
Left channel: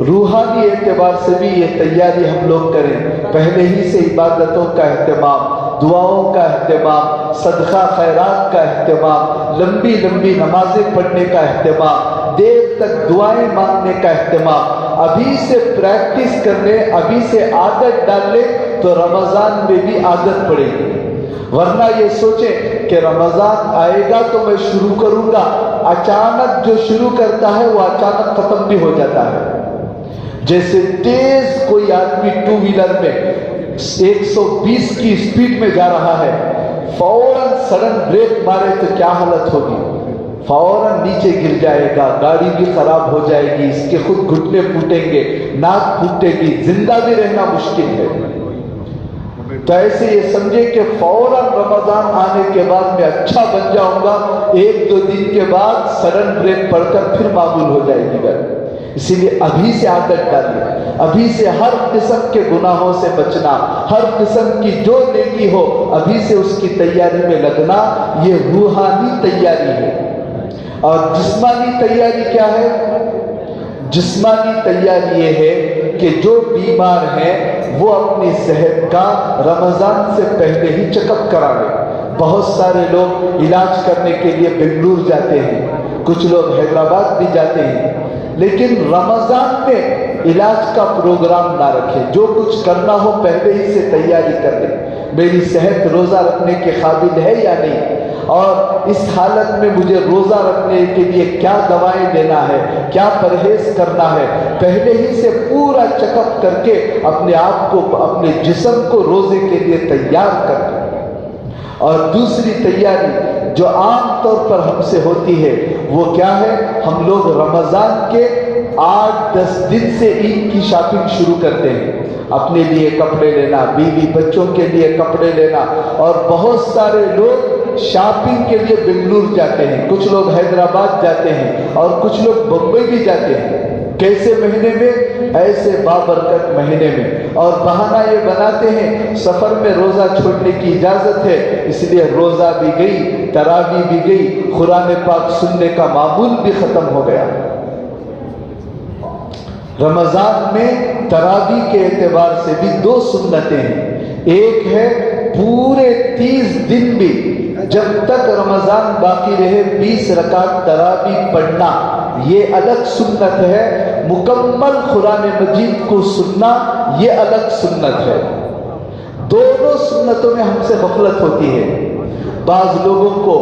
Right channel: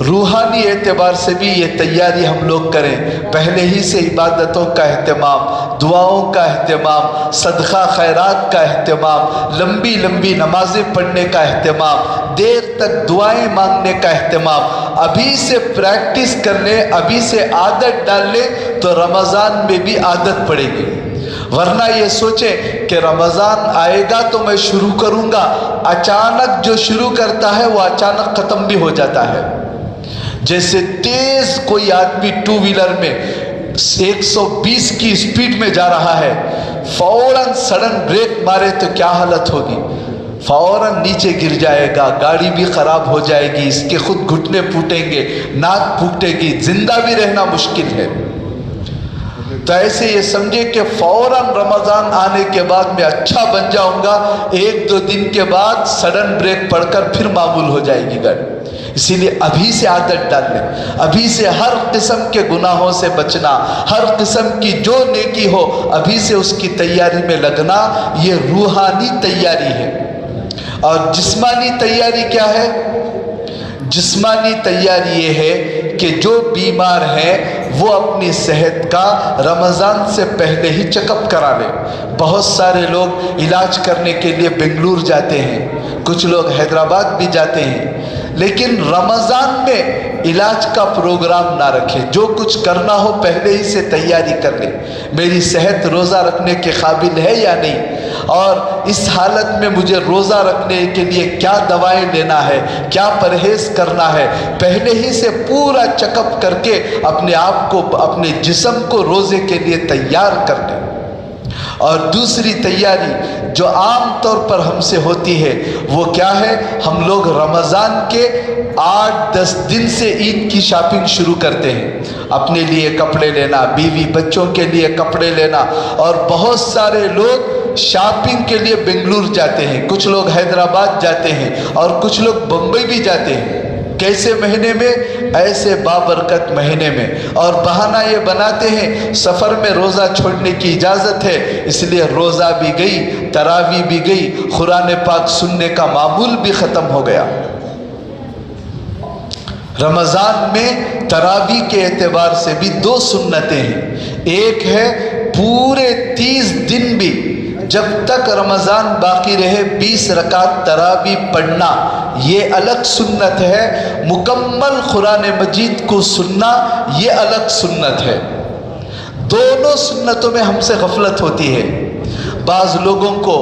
روحانی اعتبار سے بھی یہ تیاری ہم لوگ کریں. پہلے ہی سے عبادتوں کا اہتمام، دعاؤں کا اہتمام، صدقہ خیرات کا اہتمام، لمبی لمبی نمازیں پڑھنے کا اہتمام، دیر تک دعائیں مانگنے کا اہتمام ابھی سے پریکٹس کر لیں، ابھی سے عادت ڈال لیں تو رمضان میں بھی عادت پڑے گی. ورنہ یہ سوچیں کہ رمضان آئے گا تو میں شروع کروں گا، اچانک جو شروع کرتا ہے وہ اچانک ختم بھی ہو جاتا ہے. جیسے تیز کوئی آدمی 2 ویلر میں 120 کی سپیڈ میں جا رہا ہے، فوراً سڈن بریک مارے تو کیا حالت ہوگی؟ فوراً نیچے گر جائے گا، گاڑی بھی خراب ہو جائے گی، اس کے خود گھٹنے پھوٹیں گے، ناک پھوٹے گی، زندہ بھی رہنا مشکل ہے. تو ایسے یہ سمجھے کہ فوراً رمضان آنے کے بعد میں اچھا بن جاؤں گا، 1-2 دن کے بعد سڈن بریک پڑ کر پھر معمول ہو جائے گی گاڑی. اسی لیے ابھی سے عادت ڈال لیں، ابھی سے ہر قسم کے گناہوں سے بچنا، ہر قسم کی جو نیکی ہو ابھی سے اس کی تیاری میں لگنا. یہ روحانی تیاری ہے. اور جسمانی تیاری کیا ہے؟ جسمانی تیاری یہ ہے کہ جو بیمار ہیں وہ اپنی صحت کا رمضان سے پہلے ہی چیک اپ کرا لیں. بہت سارے لوگ علاج کرنے کے لیے بنگلور جاتے ہیں، کچھ لوگ حیدرآباد بھی جاتے ہیں، لیکن رمضان میں علاج کا پروگرام نہ رکھیں. جو کچھ کرنا ہو پہلے ہی سے تیاری کر لیں. میری صحت روزہ رکھنے کے قابل ہے یا نہیں، اور اس حالت میں مجھے روزہ رکھنے کے لیے کیا دوائیں لینا ہے، کیا پرہیز کرنا ہے، پہلے ہی سے پورا چیک اپ کر کے اپنے آپ کو، اپنے جسم کو روزے کے لیے تیار کر لیں. اور دوسری تیاری جو عام طور پر ہم سے ہوتی ہے وہ کیا ہے؟ ہم لوگ رمضان کے 8-10 دن سے عید کی شاپنگ شروع کرتے ہیں. اپنے لیے کپڑے لینا، بیوی بچوں کے لیے کپڑے لینا، اور بہت سارے لوگ شاپنگ کے لیے بنگلور جاتے ہیں، کچھ لوگ حیدرآباد جاتے ہیں اور کچھ لوگ بمبئی بھی جاتے ہیں. کیسے مہینے میں؟ ایسے بابرکت مہینے میں. اور بہانہ یہ بناتے ہیں سفر میں روزہ چھوڑنے کی اجازت ہے، اس لیے روزہ بھی گئی، تراویح بھی گئی، قرآن پاک سننے کا معمول بھی ختم ہو گیا. رمضان میں تراویح کے اعتبار سے بھی 2 سنتیں ہیں. ایک ہے پورے 30 دن بھی جب تک رمضان باقی رہے 20 رکعت تراویح پڑھنا، یہ الگ سنت ہے. مکمل قرآن مجید کو سننا یہ الگ سنت ہے. دونوں سنتوں میں ہم سے غفلت ہوتی ہے. بعض لوگوں کو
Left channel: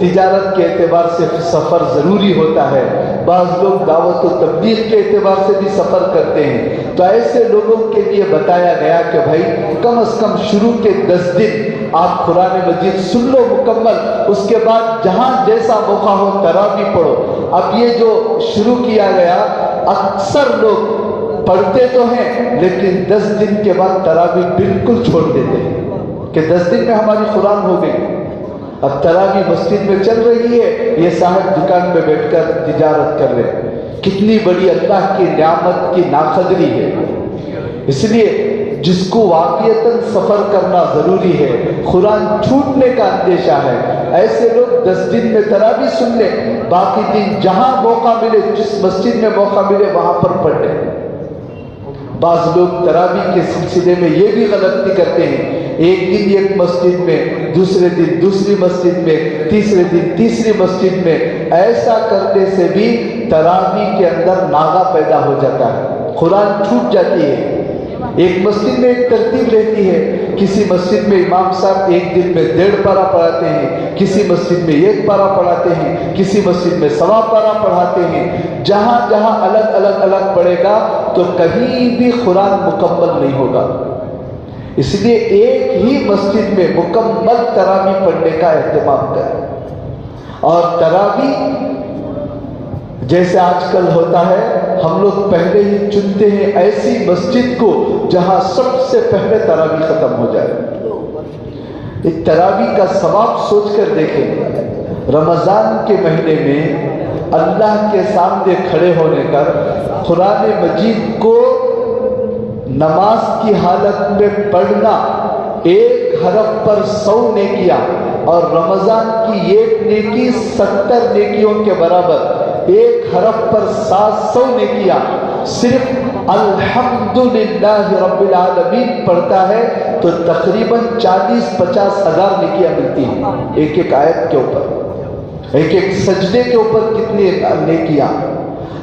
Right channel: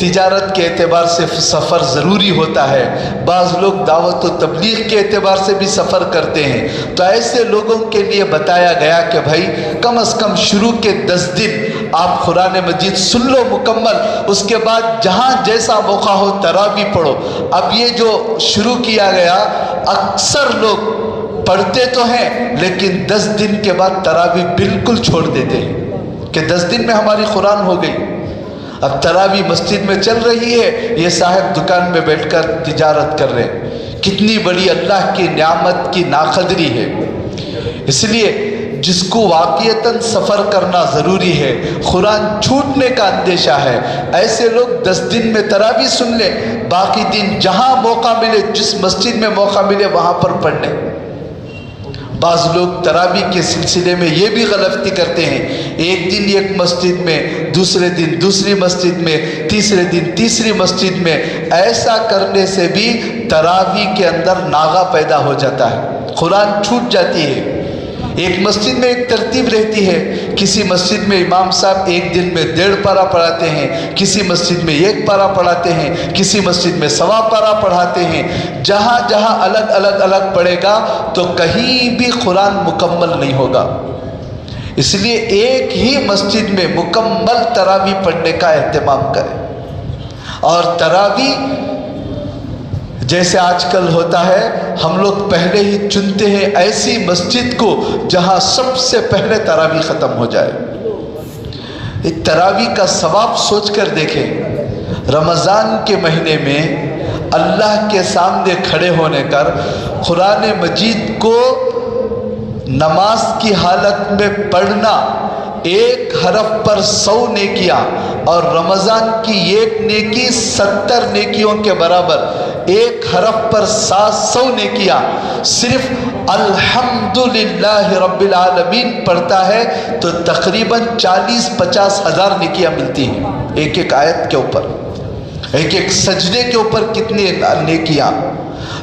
تجارت کے اعتبار سے سفر ضروری ہوتا ہے، بعض لوگ دعوت و تبلیغ کے اعتبار سے بھی سفر کرتے ہیں، تو ایسے لوگوں کے لیے بتایا گیا کہ بھائی کم از کم شروع کے 10 دن آپ قرآن مجید سن لو مکمل، اس کے بعد جہاں جیسا موقع ہو تراویح پڑھو۔ اب یہ جو شروع کیا گیا، اکثر لوگ پڑھتے تو ہیں لیکن 10 دن کے بعد تراویح بالکل چھوڑ دیتے ہیں کہ 10 دن میں ہماری قرآن ہو گئی، اب تراویح مسجد میں چل رہی ہے، یہ صاحب دکان میں بیٹھ کر تجارت کر رہے۔ کتنی بڑی اللہ کی نعمت کی ناقدری ہے۔ اس لیے جس کو واقعتاً سفر کرنا ضروری ہے، قرآن چھوٹنے کا اندیشہ ہے، ایسے لوگ 10 دن میں تراویح سن لے، باقی دن جہاں موقع ملے، جس مسجد میں موقع ملے وہاں پر پڑھ لے۔ بعض لوگ تراویح کے سلسلے میں یہ بھی غلطی کرتے ہیں، ایک دن ایک مسجد میں، دوسرے دن دوسری مسجد میں، تیسرے دن تیسری مسجد میں۔ ایسا کرنے سے بھی تراویح کے اندر ناغہ پیدا ہو جاتا ہے، قرآن چھوٹ جاتی ہے۔ ایک مسجد میں ایک ترتیب رہتی ہے، کسی مسجد میں امام صاحب ایک دن میں 1.5 پارہ پڑھاتے ہیں، کسی مسجد میں 1 پارہ پڑھاتے ہیں، کسی مسجد میں 1.25 پارہ پڑھاتے ہیں۔ جہاں جہاں الگ پڑھے گا تو کہیں بھی قرآن مکمل نہیں ہوگا۔ اس لیے ایک ہی مسجد میں مکمل تراویح پڑھنے کا اہتمام کریں۔ اور تراویح جیسے آج کل ہوتا ہے، ہم لوگ پہلے ہی چنتے ہیں ایسی مسجد کو جہاں سب سے پہلے تراویح ختم ہو جائے۔ تراویح کا ثواب سوچ کر دیکھیں، رمضان کے مہینے میں اللہ کے سامنے کھڑے ہونے کر قرآن مجید کو نماز کی حالت میں پڑھنا، 1 حرف پر 100 نیکیاں، اور رمضان کی 1 نیکی 70 نیکیوں کے برابر، 1 حرف پر 700 نیکیاں۔ صرف الحمدللہ رب العالمین پڑھتا ہے تو تقریباً 40-50 ہزار نیکیاں ملتی ہیں، ایک آیت کے اوپر، ایک سجدے کے اوپر کتنے نیکیاں۔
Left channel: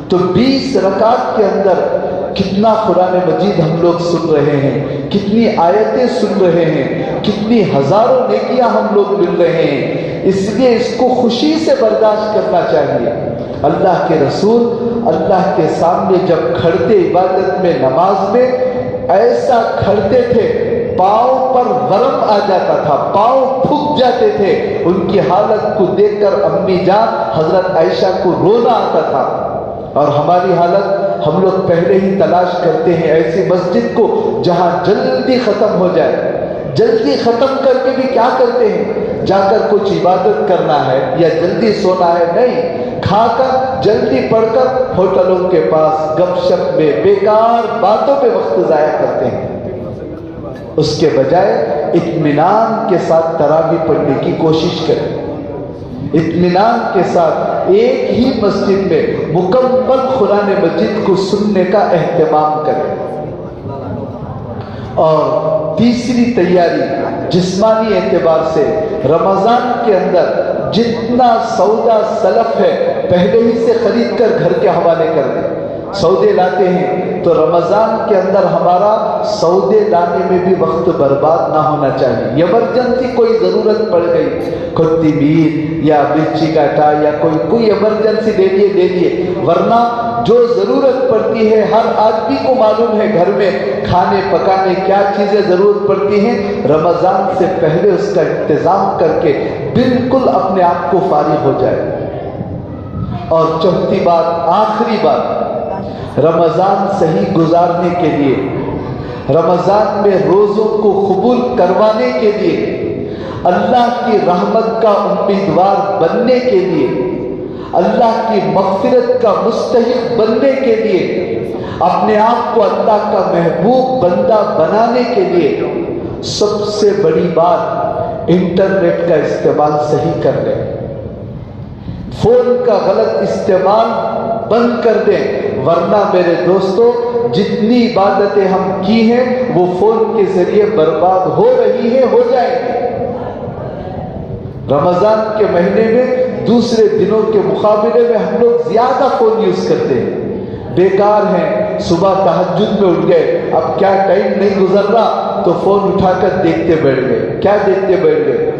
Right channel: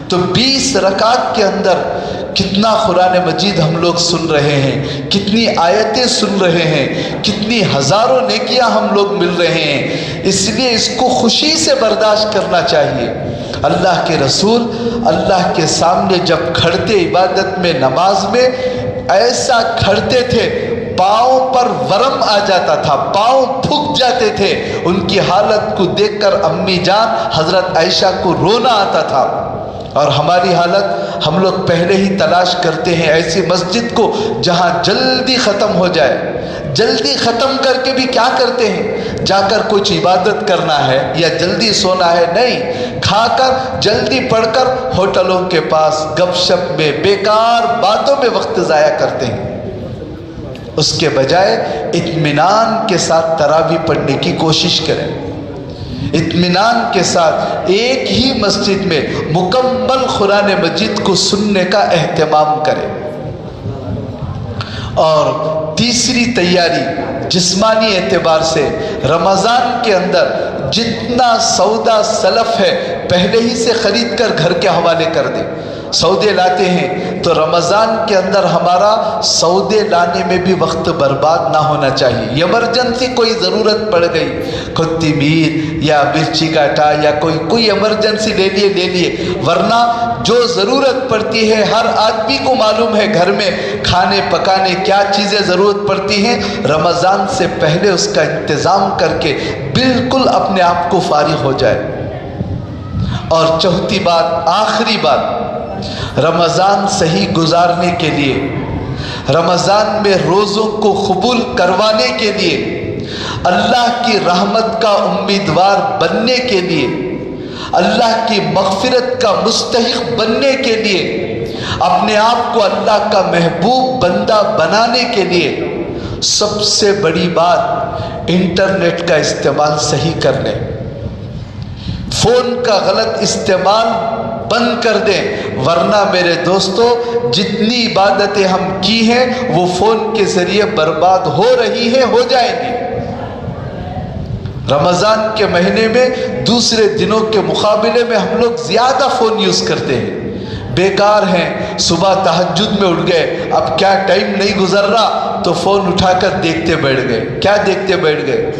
تو 20 رکعت کے اندر کتنا قرآن مجید ہم لوگ سن رہے ہیں، کتنی آیتیں سن رہے ہیں، کتنی ہزاروں نیکیاں ہم لوگ مل رہے ہیں۔ اس لیے اس کو خوشی سے برداشت کرنا چاہیے۔ اللہ کے رسول اللہ کے سامنے جب کھڑتے عبادت میں، نماز میں، ایسا کھڑتے تھے پاؤں پر ورم آ جاتا تھا، پاؤں تھک جاتے تھے۔ ان کی حالت کو دیکھ کر امی جان حضرت عائشہ کو رونا آتا تھا۔ اور ہماری حالت، ہم لوگ پہلے ہی تلاش کرتے ہیں ایسی مسجد کو جہاں جلدی ختم ہو جائے۔ جلدی ختم کر کے بھی کیا کرتے ہیں، جا کر کچھ عبادت کرنا ہے یا جلدی سونا ہے، نہیں، کھا کر جلدی پڑھ کر ہوٹلوں کے پاس گپ شپ میں، بیکار باتوں میں وقت ضائع کرتے ہیں۔ اس کے بجائے اطمینان کے ساتھ تراویح پڑھنے کی کوشش کریں، اطمینان کے ساتھ ایک ہی مسجد میں مکمل قرآن مجید کو سننے کا اہتمام کریں۔ اور تیسری تیاری جسمانی اعتبار سے، رمضان کے اندر جتنا سودا سلف ہے پہلے ہی سے خرید کر گھر کے حوالے کر دیں۔ سودے لاتے ہیں تو رمضان کے اندر ہمارا سودے لانے میں بھی وقت برباد نہ ہونا چاہیے۔ ایمرجنسی کوئی ضرورت پڑ گئی، کوتمیر یا مرچی کا ٹا یا کوئی ایمرجنسی لے لیے، ورنہ جو ضرورت پڑتی ہے، ہر آدمی کو معلوم ہے گھر میں کھانے پکانے کیا چیزیں ضرورت پڑتی ہیں، رمضان سے پہلے اس کا انتظام کر کے بالکل اپنے آپ کو فارغ ہو جائے۔ اور چوتھی بات، آخری بات، رمضان صحیح گزارنے کے لیے، رمضان میں روزوں کو قبول کروانے کے لیے، اللہ کی رحمت کا امیدوار بننے کے لیے، اللہ کی مغفرت کا مستحق بننے کے لیے، اپنے آپ کو اللہ کا محبوب بندہ بنانے کے لیے، سب سے بڑی بات انٹرنیٹ کا استعمال صحیح کر لیں۔ فون کا غلط استعمال بند کر دیں، ورنہ میرے دوستو جتنی عبادتیں ہم کی ہیں وہ فون کے ذریعے برباد ہو رہی ہیں، ہو جائیں گی۔ رمضان کے مہینے میں دوسرے دنوں کے مقابلے میں ہم لوگ زیادہ فون یوز کرتے ہیں، بیکار ہیں، صبح تہجد میں اٹھ گئے، اب کیا ٹائم نہیں گزر رہا تو فون اٹھا کر دیکھتے بیٹھ گئے۔ کیا دیکھتے بیٹھ گئے؟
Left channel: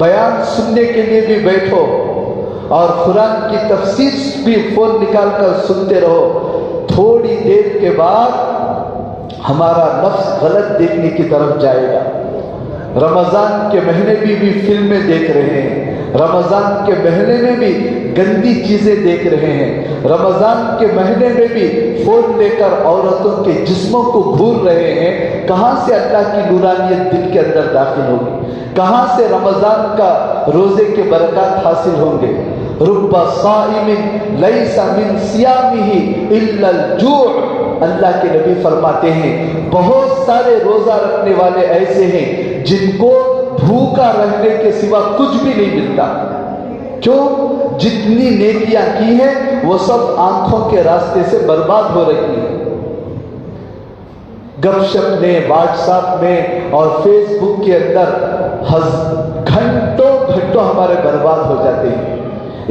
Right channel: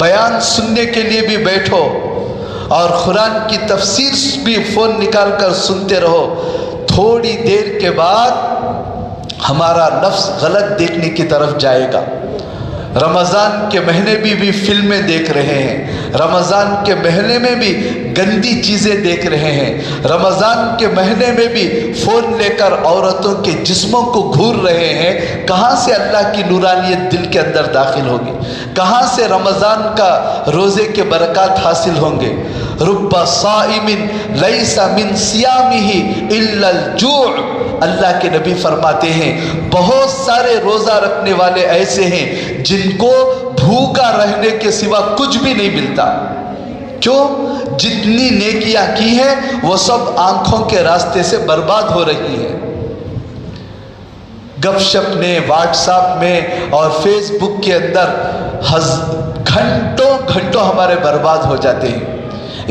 بیان سننے کے لیے بھی بیٹھو اور قرآن کی تفسیر بھی فون نکال کر سنتے رہو، تھوڑی دیر کے بعد ہمارا نفس غلط دیکھنے کی طرف جائے گا۔ رمضان کے مہینے بھی فلمیں دیکھ رہے ہیں، رمضان کے مہینے میں بھی گندی چیزیں دیکھ رہے ہیں، رمضان کے مہینے میں بھی فون لے کر عورتوں کے جسموں کو گھور رہے ہیں۔ کہاں سے اللہ کی نورانیت دل کے اندر داخل ہوگی؟ کہاں سے رمضان کا روزے کے برکات حاصل ہوں گے؟ رب صائم لیس من صیامہ الا الجوع، اللہ کے نبی فرماتے ہیں بہت سارے روزہ رکھنے والے ایسے ہیں جن کو بھوکا رہنے کے سوا کچھ بھی نہیں ملتا۔ کیوں؟ جتنی نیکیاں کی ہیں وہ سب آنکھوں کے راستے سے برباد ہو رہی ہیں۔ گپ شپ نے، واٹس ایپ میں اور فیس بک کے اندر گھنٹوں ہمارے برباد ہو جاتے ہیں۔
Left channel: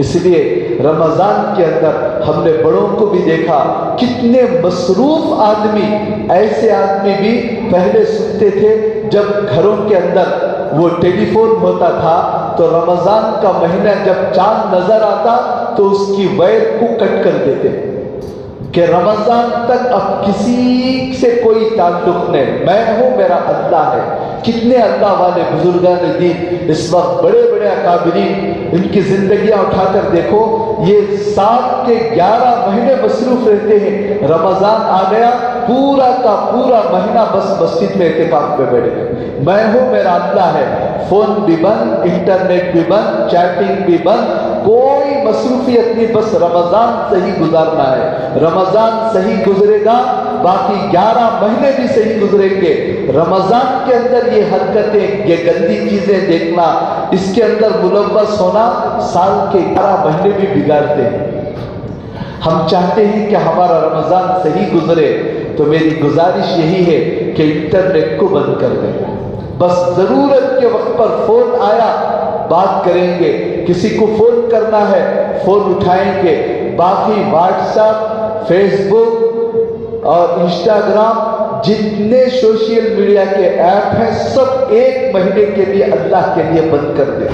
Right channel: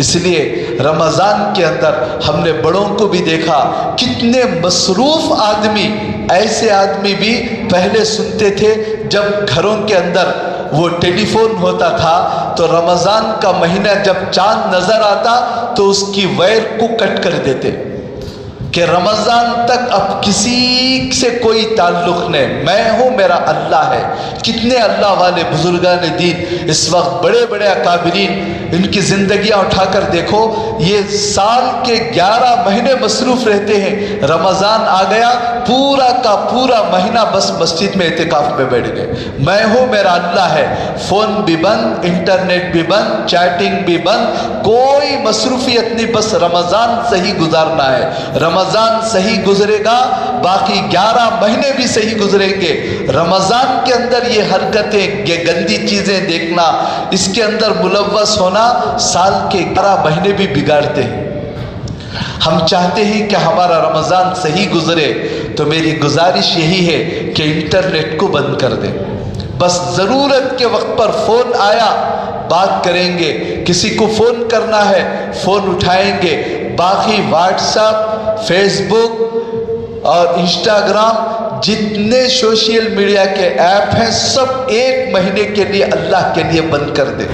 اس لیے رمضان کے اندر ہم نے بڑوں کو بھی دیکھا، کتنے مصروف آدمی، ایسے آدمی بھی پہلے سنتے تھے جب گھروں کے اندر وہ ٹیلی فون ہوتا تھا تو رمضان کا مہینہ جب چاند نظر آتا تو اس کی وائر کو کٹ کر دیتے کہ رمضان تک اب کسی سے کوئی تعلق نہیں، میں ہوں، میرا اللہ ہے۔ کتنے اللہ والے بزرگان دین اس وقت بڑے بڑے اکابرین، ان کی زندگیاں اٹھا کر دیکھو، یہ سال کے 11 مہینے مصروف رہتے ہیں، رمضان آ گیا پورا کا پورا مہینہ بس مسجد میں اعتکاف میں بیٹھ گئے، میں ہوں، میرا اللہ ہے۔ فون بھی بند، انٹرنیٹ بھی بند، چیٹنگ بھی بند، کوئی مصروفیت نہیں، بس رمضان صحیح گزارنا ہے۔ رمضان صحیح گزرے گا باقی 11 مہینے بھی صحیح گزریں گے۔ رمضان کے اندر یہ حرکتیں، یہ گندی چیزیں دیکھنا، اس کے اندر ملوث ہونا سال کے 11 مہینے بھی بگاڑتے ہیں۔ ہم چاہتے ہیں کہ ہمارا رمضان صحیح گزرے، تو میری گزارش یہی ہے کہ انٹرنیٹ کو بند کر دیں۔ بس ضرورت کے وقت پر فون آیا بات کریں گے، کسی کو فون کرنا ہے فون اٹھائیں گے، باقی واٹس ایپ، فیس بک اور انسٹاگرام، جتنے سوشل میڈیا کے ایپ ہیں سب ایک مہینے کے لیے اللہ کے لیے بند کر دیں۔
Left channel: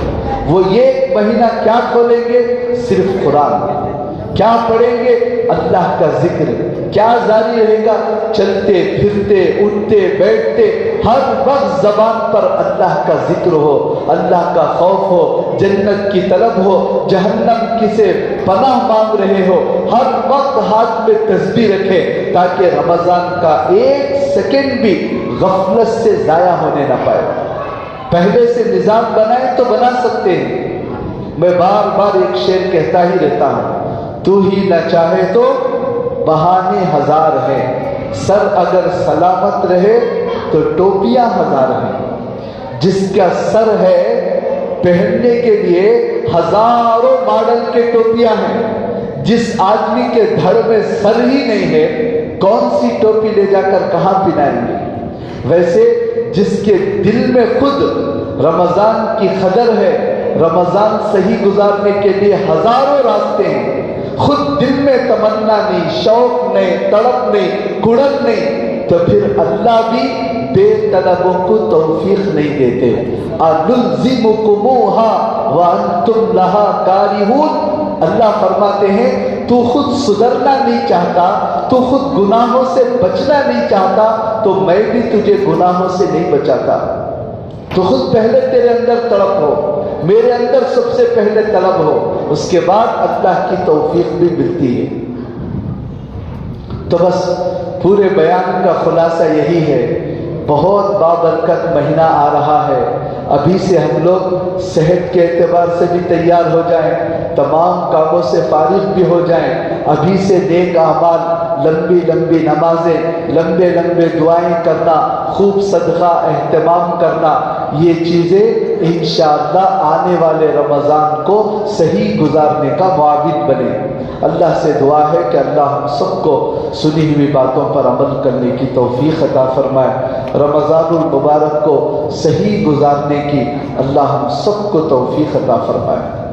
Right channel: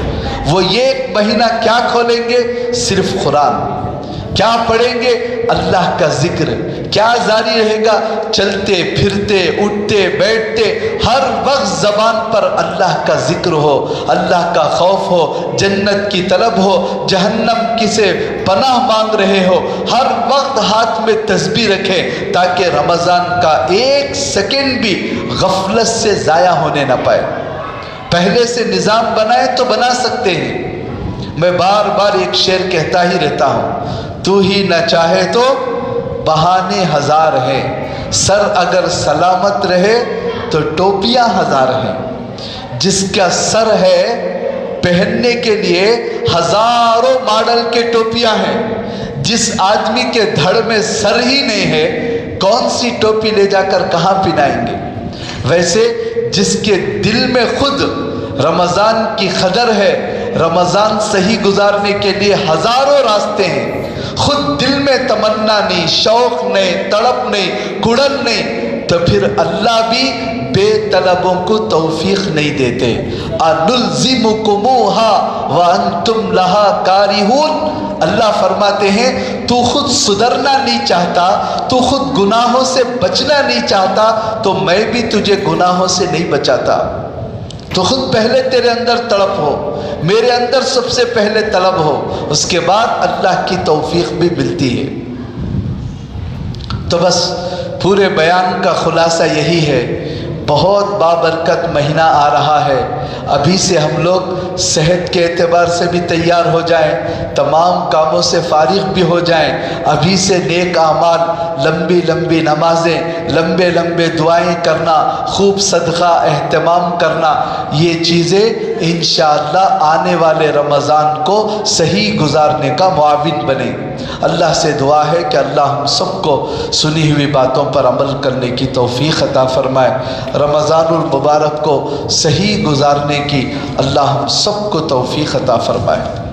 وہ ایک مہینہ کیا کھولیں گے؟ صرف قرآن۔ کیا پڑھیں گے؟ اللہ کا ذکر۔ کیا جاری رہے گا؟ چلتے پھرتے اٹھتے بیٹھتے ہر وقت زبان پر اللہ کا ذکر ہو، اللہ کا خوف ہو، جنت کی طلب ہو، جہنم کی سے پناہ مانگ رہے ہو، ہر وقت ہاتھ میں تسبیح رکھے تاکہ رمضان کا ایک سیکنڈ بھی غفلت سے ضائع ہونے نہ پائے۔ پہلے سے نظام بنائے تو بنا سکتے ہیں۔ میں بار بار ایک شعر کہتا ہی رہتا ہوں، تو ہی نہ چاہے تو بہانے ہزار ہیں، سر اگر سلامت رہے تو ٹوپیاں ہزار ہیں۔ جس کا سر ہے پہننے کے لیے ہزاروں ماڈل کے ٹوپیاں ہیں، جس آدمی کے دھڑ میں سر ہی نہیں ہے کون سی ٹوپی لے جا کر کہاں پہنائیں گے؟ ویسے جس کے دل میں خود رمضان کی قدر ہے، رمضان صحیح گزارنے کے لیے ہزاروں راستے ہیں، خود دل میں تمنا نہیں، شوق نہیں، تڑپ نہیں، کڑن نہیں، تو پھر اللہ بھی بے طلبوں کو توفیق نہیں دیتے۔ أَنُلْزِمُكُمُوهَا وَأَنْتُمْ لَهَا كَارِهُونَ، اللہ فرماتے ہیں تو خود سدھرنا نہیں چاہتا، تو خود گناہوں سے بچنا نہیں چاہتا، تو میں بھی تجھے گناہوں سے نہیں بچاتا۔ تو خود پہلے تیرے اندر طلب ہو، میرے اندر سب سے پہلے طلب ہو، اس کے بعد اللہ کی توفیق بھی ملتی ہے۔ تو بس پورے بیان کا خلاصہ یہی ہے، بہت بابرکت مہینہ آ رہا ہے، ابھی سے ہم لوگ صحت کے اعتبار سے بھی تیار ہو جائیں، تمام کاموں سے فارغ بھی ہو جائیں، ابھی سے نیک اعمال، لمبی لمبی نمازیں، لمبے لمبے دعائیں کرنا، خوب صدقہ اہتمام کرنا، یہ چیزیں انشاءاللہ آنے والے رمضان کو صحیح گزارنے کا معاون بنے۔ اللہ سے دعا ہے کہ اللہ ہم سب کو سنی ہوئی باتوں پر عمل کرنے کی توفیق عطا فرمائے، رمضان المبارک کو صحیح گزارنے کی اللہ ہم سب کو توفیق عطا فرمائے۔